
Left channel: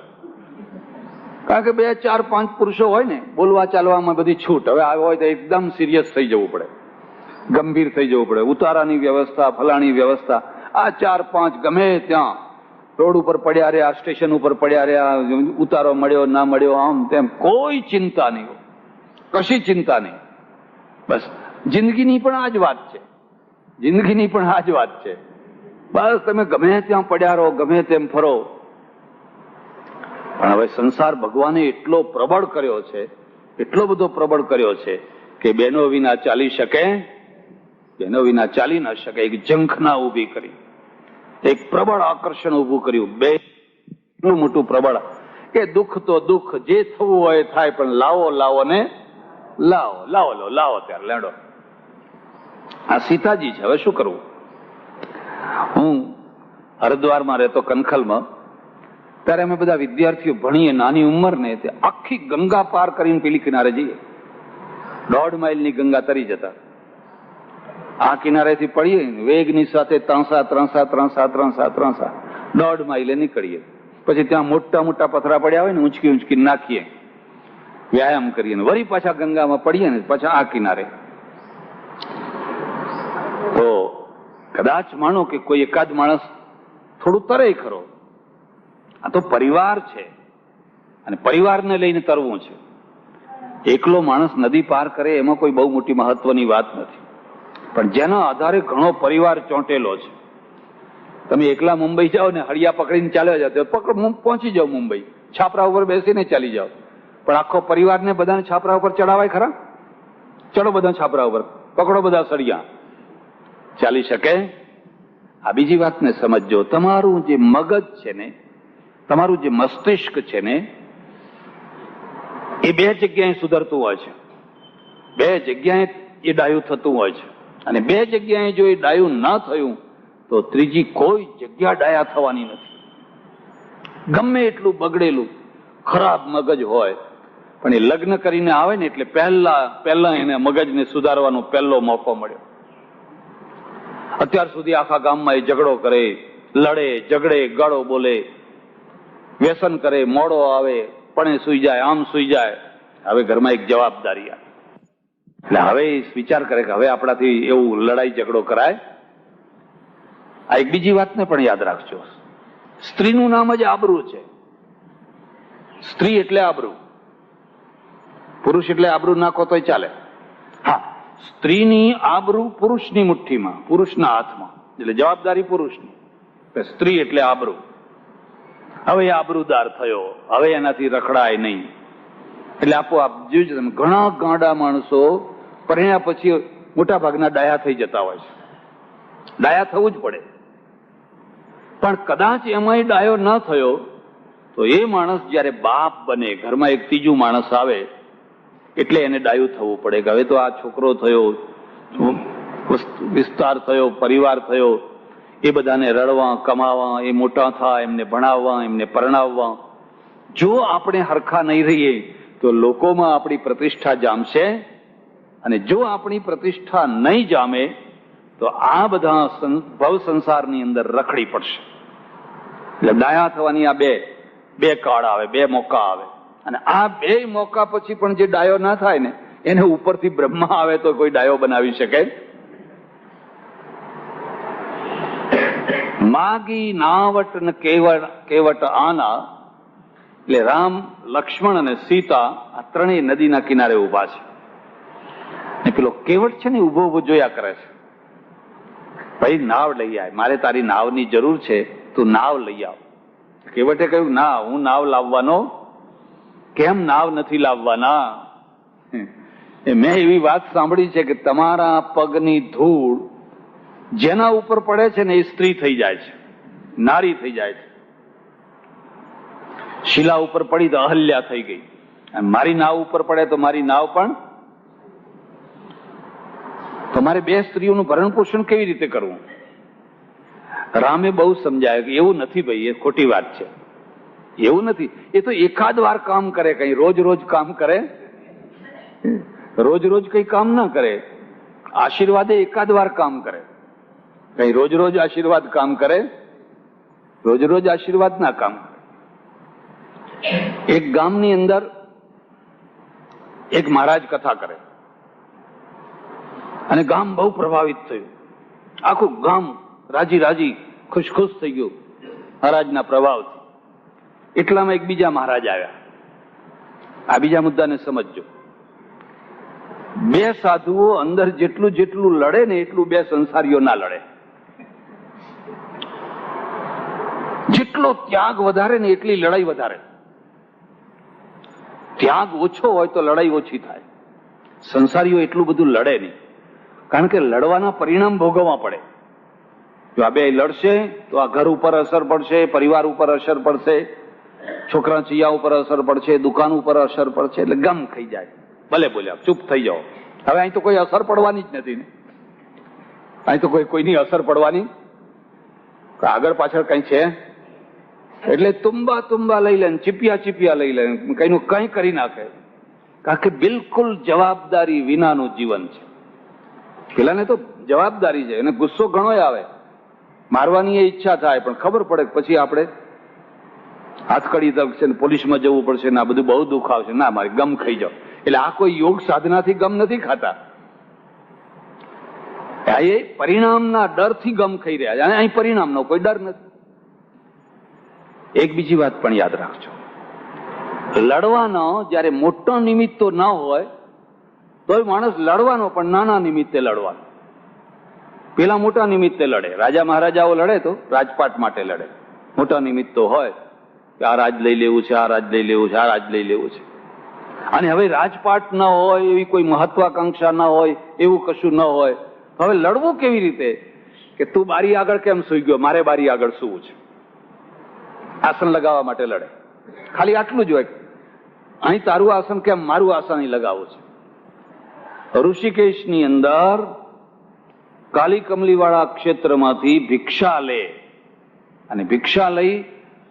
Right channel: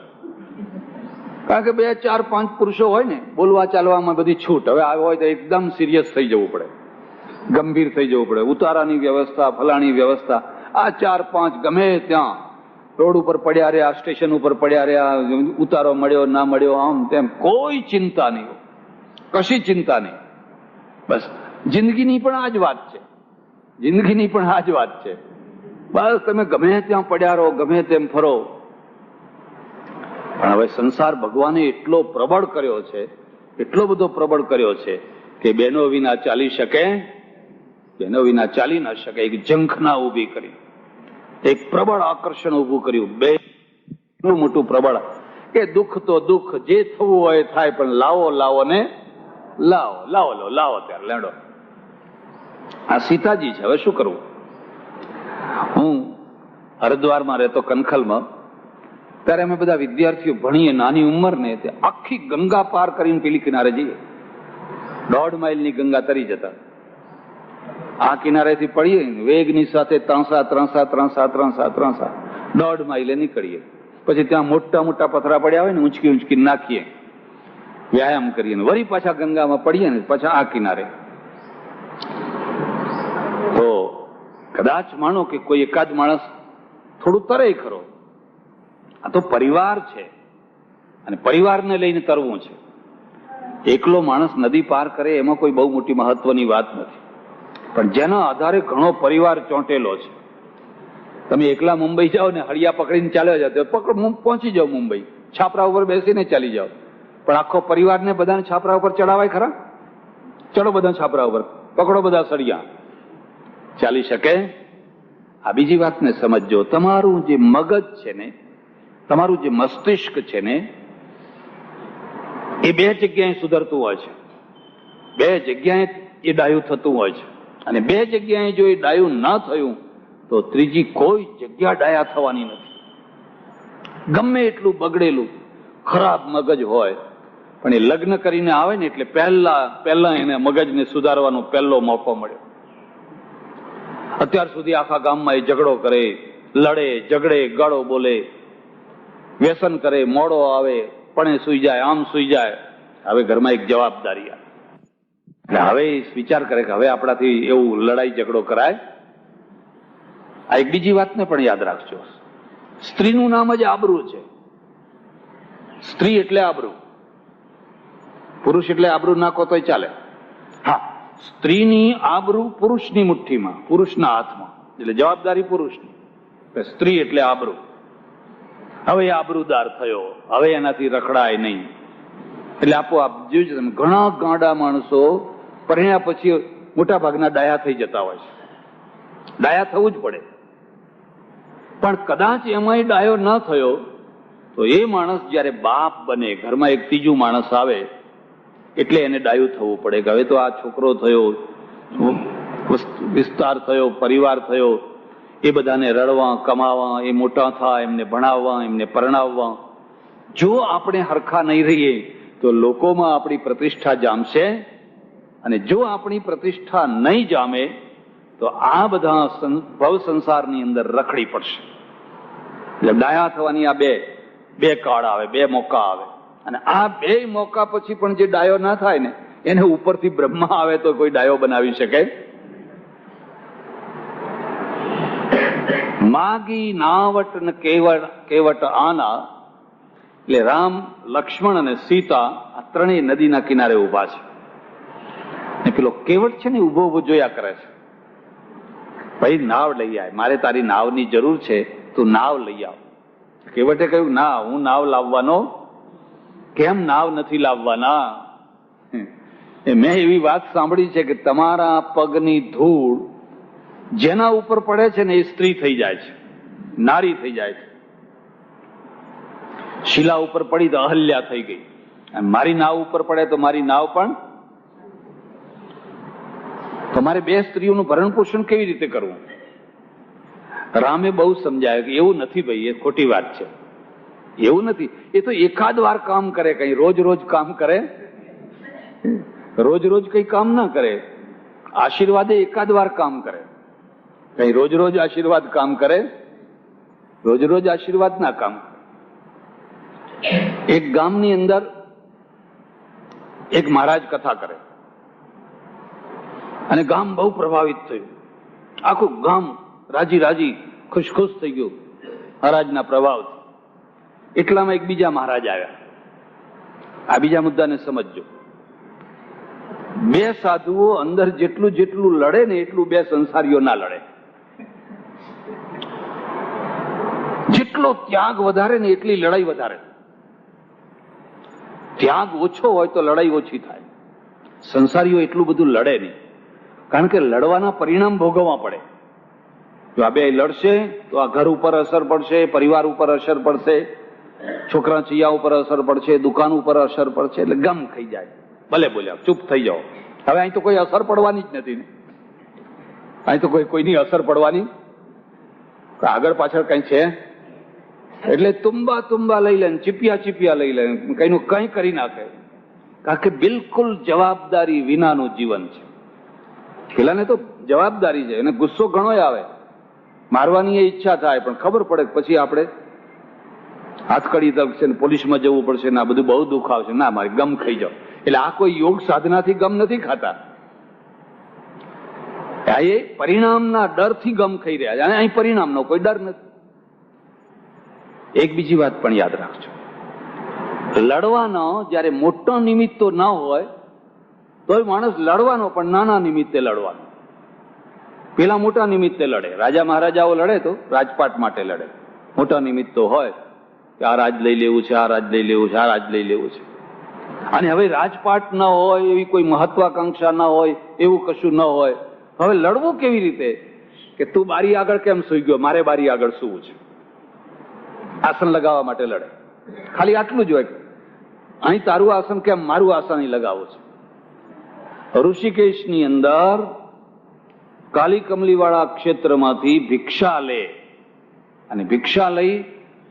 કારણ કે 2, 4, 5 પુરુષો હોય ને, બોલવા ચાલવામાં બધી છૂટ. હવે આવ્યો હોય તો એકદમ સિરિયસ થઈ જવું પડે, ગંભીર થઈ જવું પડે. ઉતારાની વ્યવસ્થા, ફલાણી વ્યવસ્થા. આ 4, 5 ગમે ત્યાં રોડ ઉપર પડ્યા રહ્યા, સ્ટેશન ઉપર પડ્યા રહ્યા, ઉતારો મળ્યો ના મળ્યો, આમ તેમ, કોઈ ચિંતા નહીં, કશી ચિંતા નહીં. બસ જિંદગીની પણ આ જ વાત છે. જિંદગીની પણ આ જ વાત છે. બસ તમે ગમે ત્યાં પડ્યા રહો, ગમે તેમ ફરો. પણ હવે સંસાર ભગવાને એટલો પ્રબળ કર્યો છે, એટલો બધો પ્રબળ કર્યો છે કે બહેનો વિના ચાલી શકે? બહેનો વિના ચાલી ના શકે. એક ઝંખના ઊભી કરી, એક પ્રબળ આકર્ષણ ઊભું કર્યું. બે એટલું મોટું પ્રબળ કે દુઃખ તો દુઃખ, જે થવું હોય થાય, પણ લાવો લાવો ને લાવો, લાવો લો, લાવો ત્યારે લેડો. આ સીતાજી છે. હવે શું કરવું? હું હરિદ્વારમાં રહેતો, કનખલમાં, ત્યારે અમે બધા વિદ્યાર્થીઓ ભણીએ, નાની ઉંમર ને, આખી ગંગા પાર કરીને પેલી કિનારે જઈએ. 1.5 માઇલની ગંગા તરી જતા. આ કિનારેથી પડીએ વેગની સાથે, ત્રણસા 1.5 માઇલે નીકળીએ. પછી ત્યાં મોટા મોટા પથરા પડ્યા હોય ને, ઊંચકી ઊંચકી નાખીએ, વ્યાયામ કરીએ, વળી પાછા ગંગામાં પડીએ ને પાછા આ કિનારે. તો કદાચ માનો કે કોઈ એકાદ માણસ થોડું તરે ખરો. આ તો પરિવાર છે, અને પરિવારને લઈને તરવું છે. એકલો માણસ નદી પાર કરે એમાં કોઈ બહુ મોટી મહત્વની વાત નથી, પણ જેના આધારે ઘણો પરિવાર ચોંટેલો છે. તમે એકલા મુંબઈ જાઓ ને, હળિયા પકડીને ચાલ્યા જાઓ, પહોંચી જાઓ મુંબઈ, છાપરા ઉપર બેસીને ચાલી જાઓ. પણ આખો પરિવારને બધાને છાપરા ઉપર ચડાવાય ખરા? ચડો બધા છાપરા ઉપર, પકડો બધા સળિયા, ચાલી શકે? આ બીજી વાતને સમજો. તમારું જે મગજ છે ને, તમારું જે મસ્તિષ્ક છે ને, એ 2 જગ્યાએ સુધરતું હોય છે. 2 જગ્યાએ એ ડાયું થતું હોય છે. અને 2 જગ્યાએ જો એ ડાયું ના થયું તો ત્રીજી કોઈ જગ્યા ડાયા થવાની નથી. ગમે એટલું બગડેલું ખરાબ મગજ હોય, પણ એ લગ્ન કરીને આવે ને એટલે પહેલા એને મગજને સુધારવાનો પહેલો મોકો મળ્યો. અત્યાર સુધી આખા ગામમાં એ ઝઘડો કરે, લડે, ઝઘડે, ગાળો બોલે, વ્યસન કરે, મોડો આવે, પણ સુઈ જાય, આમ સુઈ જાય. હવે ઘરમાં એક જવાબદારી આવે એટલે હવે વિચાર કરે કે હવે આપણાથી એવું લડાઈ ઝઘડો કરાય. આ એક બીજી વાતને પણ યાદ રાખજો. સ્ત્રીનું નામ જ આબરૂ છે. સ્ત્રી એટલે આબરૂ. પુરુષ એટલે આબરૂ નાખો તોય ચાલે. હા, સ્ત્રીની આબરૂ પુરુષની મુઠ્ઠીમાં, પુરુષના હાથમાં, એટલે જવાબદારી પુરુષની. સ્ત્રી એટલે આબરૂ. હવે આબરૂદાર થયો, હવે એનાથી રખડાય નહીં. એટલે આપોઆપ જોઈજો તમે, ઘણા ગાંડા માણસો પરણ્યા પછી મોટા ભાગના ડાયા થઈ જતા હોય છે. ડાયા થવું જ પડે. પણ કદાચ એમાંય ડાયો ન થયો તો એ માણસ જયારે બાપ બને, ઘરમાં એક ત્રીજું માણસ આવે એટલે એને ડાયું થવું પડે કે હવે તો આ છોકરો થયો, વિસ્તાર થયો, પરિવાર થયો, એ બધાને રડવા, કમાવા, એ મોટા થાય, એમને ભણાવવા, એમને પરણાવવા. જો આપણે હરખા નહીં રહીએ તો લોકોમાં આપણી પ્રતિષ્ઠા જામશે, અને જો આપણી પ્રતિષ્ઠા નહીં જામે તો આ બધા ભવ સંસારની અંદર રખડી પડશે. એટલે ડાયા થવાની આ બે કાળ આવે, બે મોકા આવે, અને આ બે મોકા પછી પણ જે ડાયો ના થાય ને એને ઉપરથી બ્રહ્મા આવે તો કોઈ ડાયો બનાવી શકે. માગી નાવટ ને કેવટ આના, એટલે રામ, લક્ષ્મણ અને સીતા આ ત્રણેય નદીના કિનારે ઉભા છે. ને પેલો કેવટ છે ને ઉભો ઉભો જોયા કરે છે, ભાઈ નાવ લઈ આવ, મારે તારી નાવની જરૂર છે, તું નાવ લઈ આવ. કેવટે કહ્યું, ના, હું નાવ લાવવાનો. કેમ નાવ નથી લાવવાના? મેં એવી વાત સાંભળી છે કે તમારા પગની ધૂળ જેના ઉપર પડે છે ને એ સ્ત્રી થઈ જાય છે, નારી થઈ જાય છે. શિલા ઉપર પડી તો અહલ્યા થઈ ગઈ, અને મારી નાવ ઉપર પડે તો મારી નાવ પણ. તમારે બે સ્ત્રીઓનું ભરણ પોષણ કેવી રીતે કરવું? રામે બહુ સમજાય કે એવું નથી ભાઈ, એ ખોટી વાત છે, એવું નથી. એ તો એકાદ વાર કામ કરે, કઈ રોજ રોજ કામ કરે, રોજ રોજ કઈ કામ ના કરે. આશીર્વાદે એકાદ વાર કામ કરે, કઈ રોજ રોજ આશીર્વાદ કામ કરે, રોજ રોજ આશીર્વાદ ના કામ. એક ગામની અંદર એક મહારાજ કથા કરે, અને ગામ બહુ પ્રભાવિત થયું. આખું ગામ રાજી રાજી ખુશ ખુશ થઈ ગયું મહારાજના પ્રભાવથી. એટલામાં એક બીજા મહારાજ આવ્યા. આ બીજા મુદ્દાને સમજજો. બે સાધુઓ અંદર જેટલું જેટલું લડે ને એટલું બે સંસારીઓ ના લડે. જેટલો ત્યાગ વધારે ને એટલી લડાઈ વધારે. ત્યાગ ઓછો હોય તો લડાઈ ઓછી થાય. સંસારીઓ એટલું બધું લડે નહીં, કારણ કે લડવાના પરિણામ ભોગવવા પડે. જો આ બે લડશે તો આ ઘર ઉપર અસર પડશે, પરિવાર ઉપર અસર પડશે, છોકરા ચિયા ઉપર અસર પડશે, દુકાન ઉપર અસર પડશે, એટલે ગમ ખાઈ જાય. ભલે બોલ્યા, ચૂપ થઈ જાઓ. હવે અહીં તો કોઈ અસર પડવાની જ નથી ને, અહીં તો કોઈની અસર પડવાની આગળ પાછળ કઈ છે. એટલે તુંબા તુંબા લઈ લે, ચીપિયા ચીપિયા લઈ લે, કઈનું કઈ કરી નાખે, કારણ કે બિલકુલ જવાબદારી વિનાનું જીવન છે. પેલાને તો જવાબદારી છે, અને ગુસ્સો ઘણો આવે, મારવાની ઈચ્છા થાય, પણ ખબર પડે પછી આપણે હાથકડી થશે ને પોલીસમાં જવું પડશે ને આ બધું બહુ દુઃખ આવશે, ના મારે ગમ ખાઈ જાઓ. એટલે આ કોઈ યોગ સાધનાથી ગમ નથી ખાતા, એ પરિણામના ડરથી ગમ ખાઈ રહ્યા છે. અહીં પરિણામનો કોઈ ડર નથી. એક બીજી વાત પણ યાદ રાખજો, લડવાનો જયારે મોટો નિમિત્તો ના હોય તો માણસ લડવાનો, પણ નાના નિમિત્તે લડવાનો. પેલા મોટા નિમિત્તે લડે, રાજા મહારાજાઓ લડે તો રાજપાટ માટે લડે. મોટા નિમિત્તો હોય કે આ રાજ લઈ લેવું છે, આ રાજ લઈ લેવું છે, આ રાજ લઈ લેવું છે. અને હવે રાજપાટ ન હોય, એવી કોઈ મહત્વાકાંક્ષા ન હોય, એવું કશું ન હોય, હવે લડવું કેવી રીતે? કે તું બારી આગળ કેમ સૂઈ ગયો, મારે બારી આગળ સૂવું છે. આસન લગાવવા માટે લડે. ખાલી આટલું જ હોય, અહીં તારું આસન કેમ, મારું આસન અહીં લગાવવું છે. ઋષિકેશની અંદર કાલી કમલી વાળા ક્ષેત્રમાંથી ભિક્ષા લે, અને ભિક્ષા લઈ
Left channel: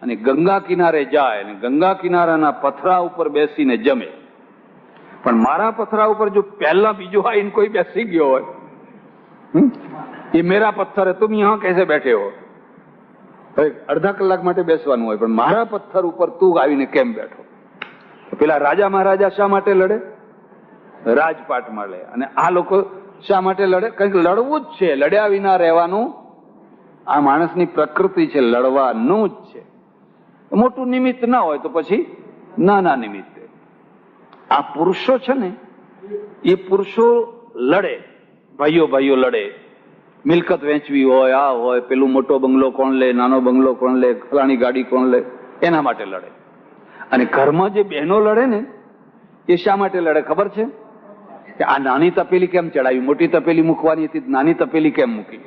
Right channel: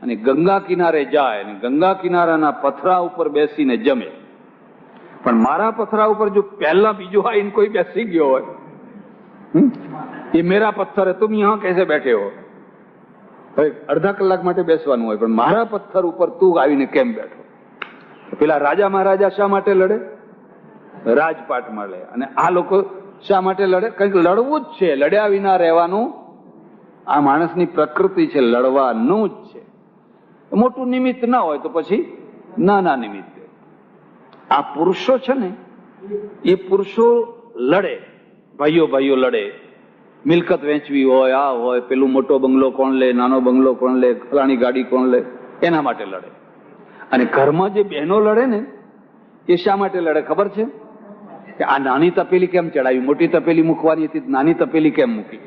અને ગંગા કિનારે જાય, અને ગંગા કિનારાના પથરા ઉપર બેસીને જમે. પણ મારા પથરા ઉપર જો પહેલા બીજો આવીને કોઈ બેસી ગયો હોય, એ મેરા પથ્થર તુમ યહાં કેસે બેઠે હો, અડધા કલાક માટે બેસવાનું હોય, પણ મારા પથ્થર ઉપર તું આવીને કેમ બેઠો? પેલા રાજા મહારાજા શા માટે લડે? રાજપાટ મળે. અને આ લોકો શા માટે લડે? કંઈક લડવું જ છે, લડ્યા વિના રહેવાનું આ માણસની પ્રકૃતિ છે, લડવાનું જ છે. મોટું નિમિત્ત ના હોય તો પછી નાના નિમિત્તે. આ પુરુષો છે ને, એ પુરુષો લડે, ભાઈઓ ભાઈઓ લડે. મિલકત વેચવી હોય, આ હોય, પેલું મોટો બંગલો કોણ લે, નાનો બંગલો કોણ લે, ફલાણી ગાડી કોણ લે, એના માટે લડે. અને ઘરમાં જે બહેનો લડે ને, એ શા માટે લડે ખબર છે? કે આ નાની તપેલી કેમ ચડાવી, મોટી તપેલી મૂકવાની હતી, નાની તપેલી કેમ મૂકી?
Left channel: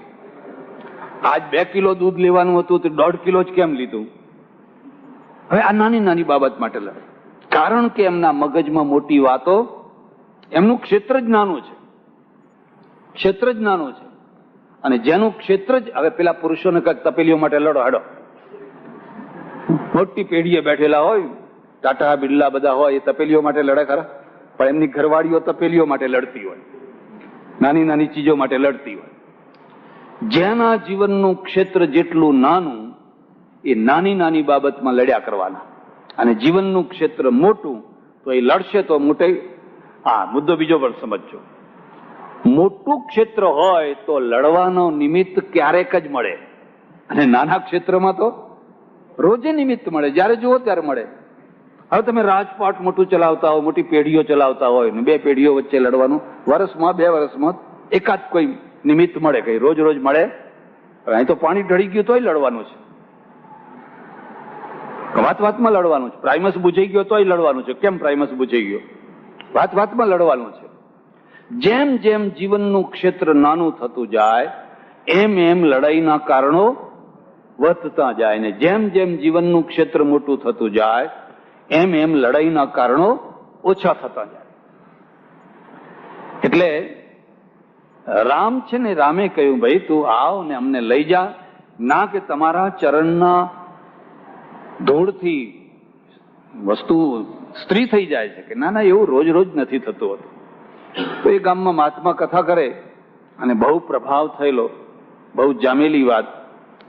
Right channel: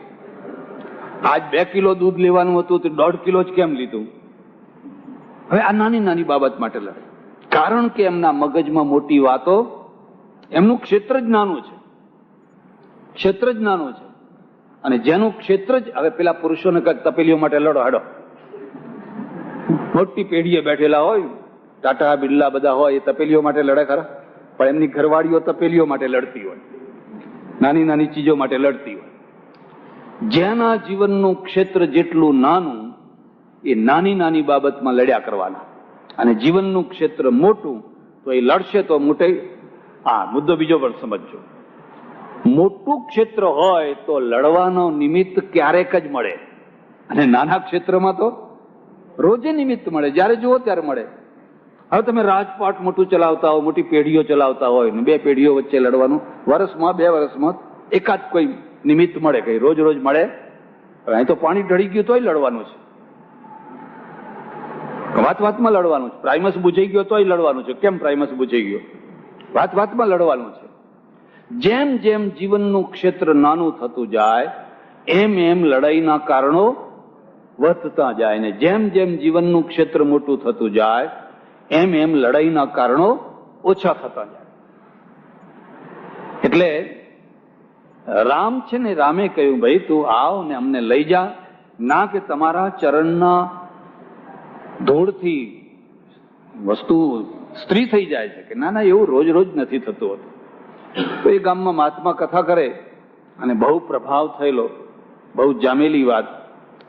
આજ 2 કિલો દૂધ લેવાનું હતું તો 1.5 કિલો જ કેમ લીધું? હવે આ નાની નાની બાબત માટે લડે, કારણ કે એમના મગજમાં મોટી વાતો, એમનું ક્ષેત્ર જ નાનું છે, ક્ષેત્ર જ નાનું છે. અને જેનું ક્ષેત્ર જ, હવે પેલા પુરુષોને કઈક તપેલીઓ માટે લડો, હાડો, મોટી પેઢીએ બેઠેલા હોય, ટાટા બિરલા બધા હોય એ તપેલીઓ માટે લડે ખરા, પણ એમની ઘરવાળીઓ તપેલીઓ માટે લડતી હોય, નાની નાની ચીજો માટે લડતી હોય. જેના જીવનનું ક્ષેત્ર જેટલું નાનું એ નાની નાની બાબતમાં લડ્યા કરવાના, અને જીવનનું ક્ષેત્ર મોટું તો એ લડશે તો મોટે. હા, મુદ્દો બીજો પણ સમજજો. મોટું ક્ષેત્ર હોય તો લડવાનો નિમિત્ત ક્યારેક જ મળે, અને નાના ક્ષેત્રમાં તો રોજે નિમિત્ત મળે, જ્યારે જુઓ ત્યારે મળે. હવે તમે રાજપાટ મોટું ચલાવતા હોય, મોટી પેઢીઓ ચલાવતા હોય ને બે પેઢીઓ વચ્ચે લડવાનું, વર્ષમાં 2 વર્ષમાં એકાદ કોઈ નિમિત્ત મળે, કઈ રોજ રોજ મળે. અહીં તો પાણી ઢળી ગયું તોય લડવાનું છે, વાત વાતમાં લડવાનું છે. પ્રાઇમસ બુજાઈ ગયો તોય લડવાનું છે. કેમ પ્રાઇમસ બુજાઈ ગયો? વાત વાતમાં લડવાનું છે. જેમ જેમ જીવનનું ક્ષેત્ર નાનું થતું જાય એમ એમ લડાઈના કારણો વધતા જાય, ને જેમ જેમ જીવનનું ક્ષેત્ર મોટું થતું જાય એમ એમ લડાઈના કારણો ઓછા થતા જાય. એટલે રામ છે ને, રામે કહ્યું ભાઈ તું આવ ને અમને લઈ જા, ના કે તમારા ચરણના ધૂળથી વસ્તુ સ્ત્રી થઈ જાય છે. કે ના ના, એવું રોજ રોજ નથી થતું હતું. તો એ ગામમાં મહાત્મા કથા કરે અને બહુ પ્રભાવ થયેલો, બહુ જામેલી વાત.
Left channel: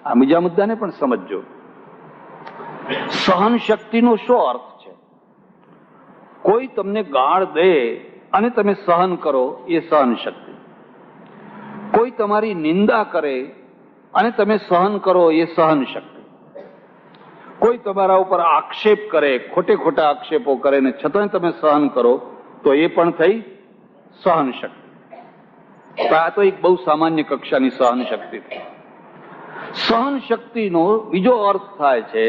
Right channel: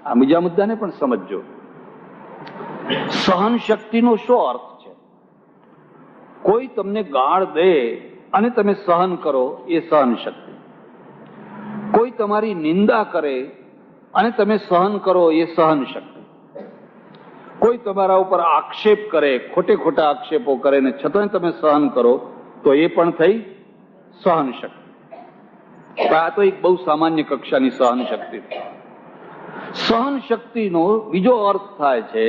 આ બીજા મુદ્દાને પણ સમજજો. સહન શક્તિનો શું અર્થ છે? કોઈ તમને ગાળ દે અને તમે સહન કરો એ સહન શક્તિ. કોઈ તમારી નિંદા કરે અને તમે સહન કરો એ સહન શક્તિ. કોઈ તમારા ઉપર આક્ષેપ કરે, ખોટે ખોટા આક્ષેપો કરે ને છતાં તમે સહન કરો તો એ પણ થઈ સહન શક્તિ. આ તો એક બહુ સામાન્ય કક્ષાની સહન શક્તિ. સહન શક્તિનો બીજો અર્થ થાય છે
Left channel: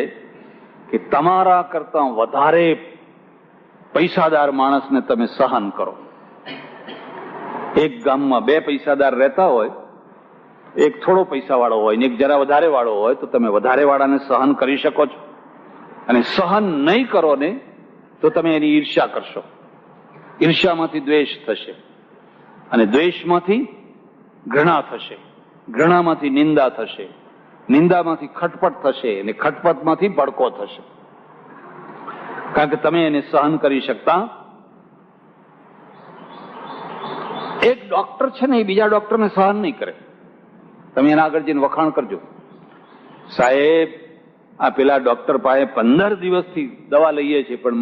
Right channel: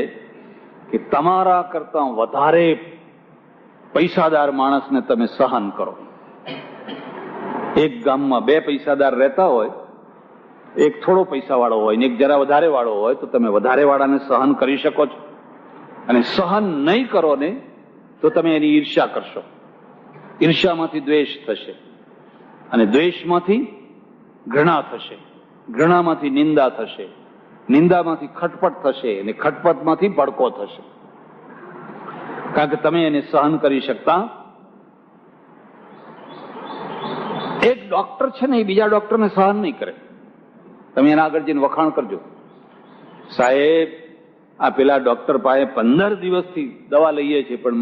કે તમારા કરતા વધારે પૈસાદાર માણસને તમે સહન કરો. એક ગામમાં 2 પૈસાદાર રહેતા હોય, એક થોડો પૈસા વાળો હોય ને એક જરા વધારે વાળો હોય, તો તમે વધારે વાળાને સહન કરી શકો છો. અને સહન નહીં કરો ને તો તમે એની ઈર્ષ્યા કરશો. ઈર્ષ્યામાંથી દ્વેષ થશે, અને દ્વેષમાંથી ઘૃણા થશે, ઘૃણામાંથી નિંદા થશે, નિંદામાંથી ખટપટ થશે, અને ખટપટમાંથી ભડકો થશે. કારણ કે તમે એને સહન કરી શકતા. એક ડોક્ટર છે ને, એ બીજા ડોક્ટરને સહન નહીં કરે. તમે એના આગળ જઈને વખાણ કરજો, સાહેબ આ પેલા ડોક્ટર પાસે 15 દિવસથી દવા લઈએ છીએ પણ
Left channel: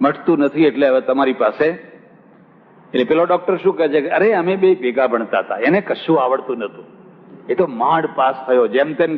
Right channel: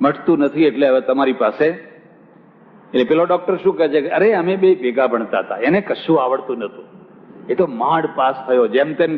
મટતું નથી, એટલે હવે તમારી પાસે. એટલે પેલો ડોક્ટર શું કહે છે કે અરે અમે 2 ભેગા ભણતા હતા, એને કશું આવડતું નતું, એ તો માંડ પાસ થયો, જેમ તેમ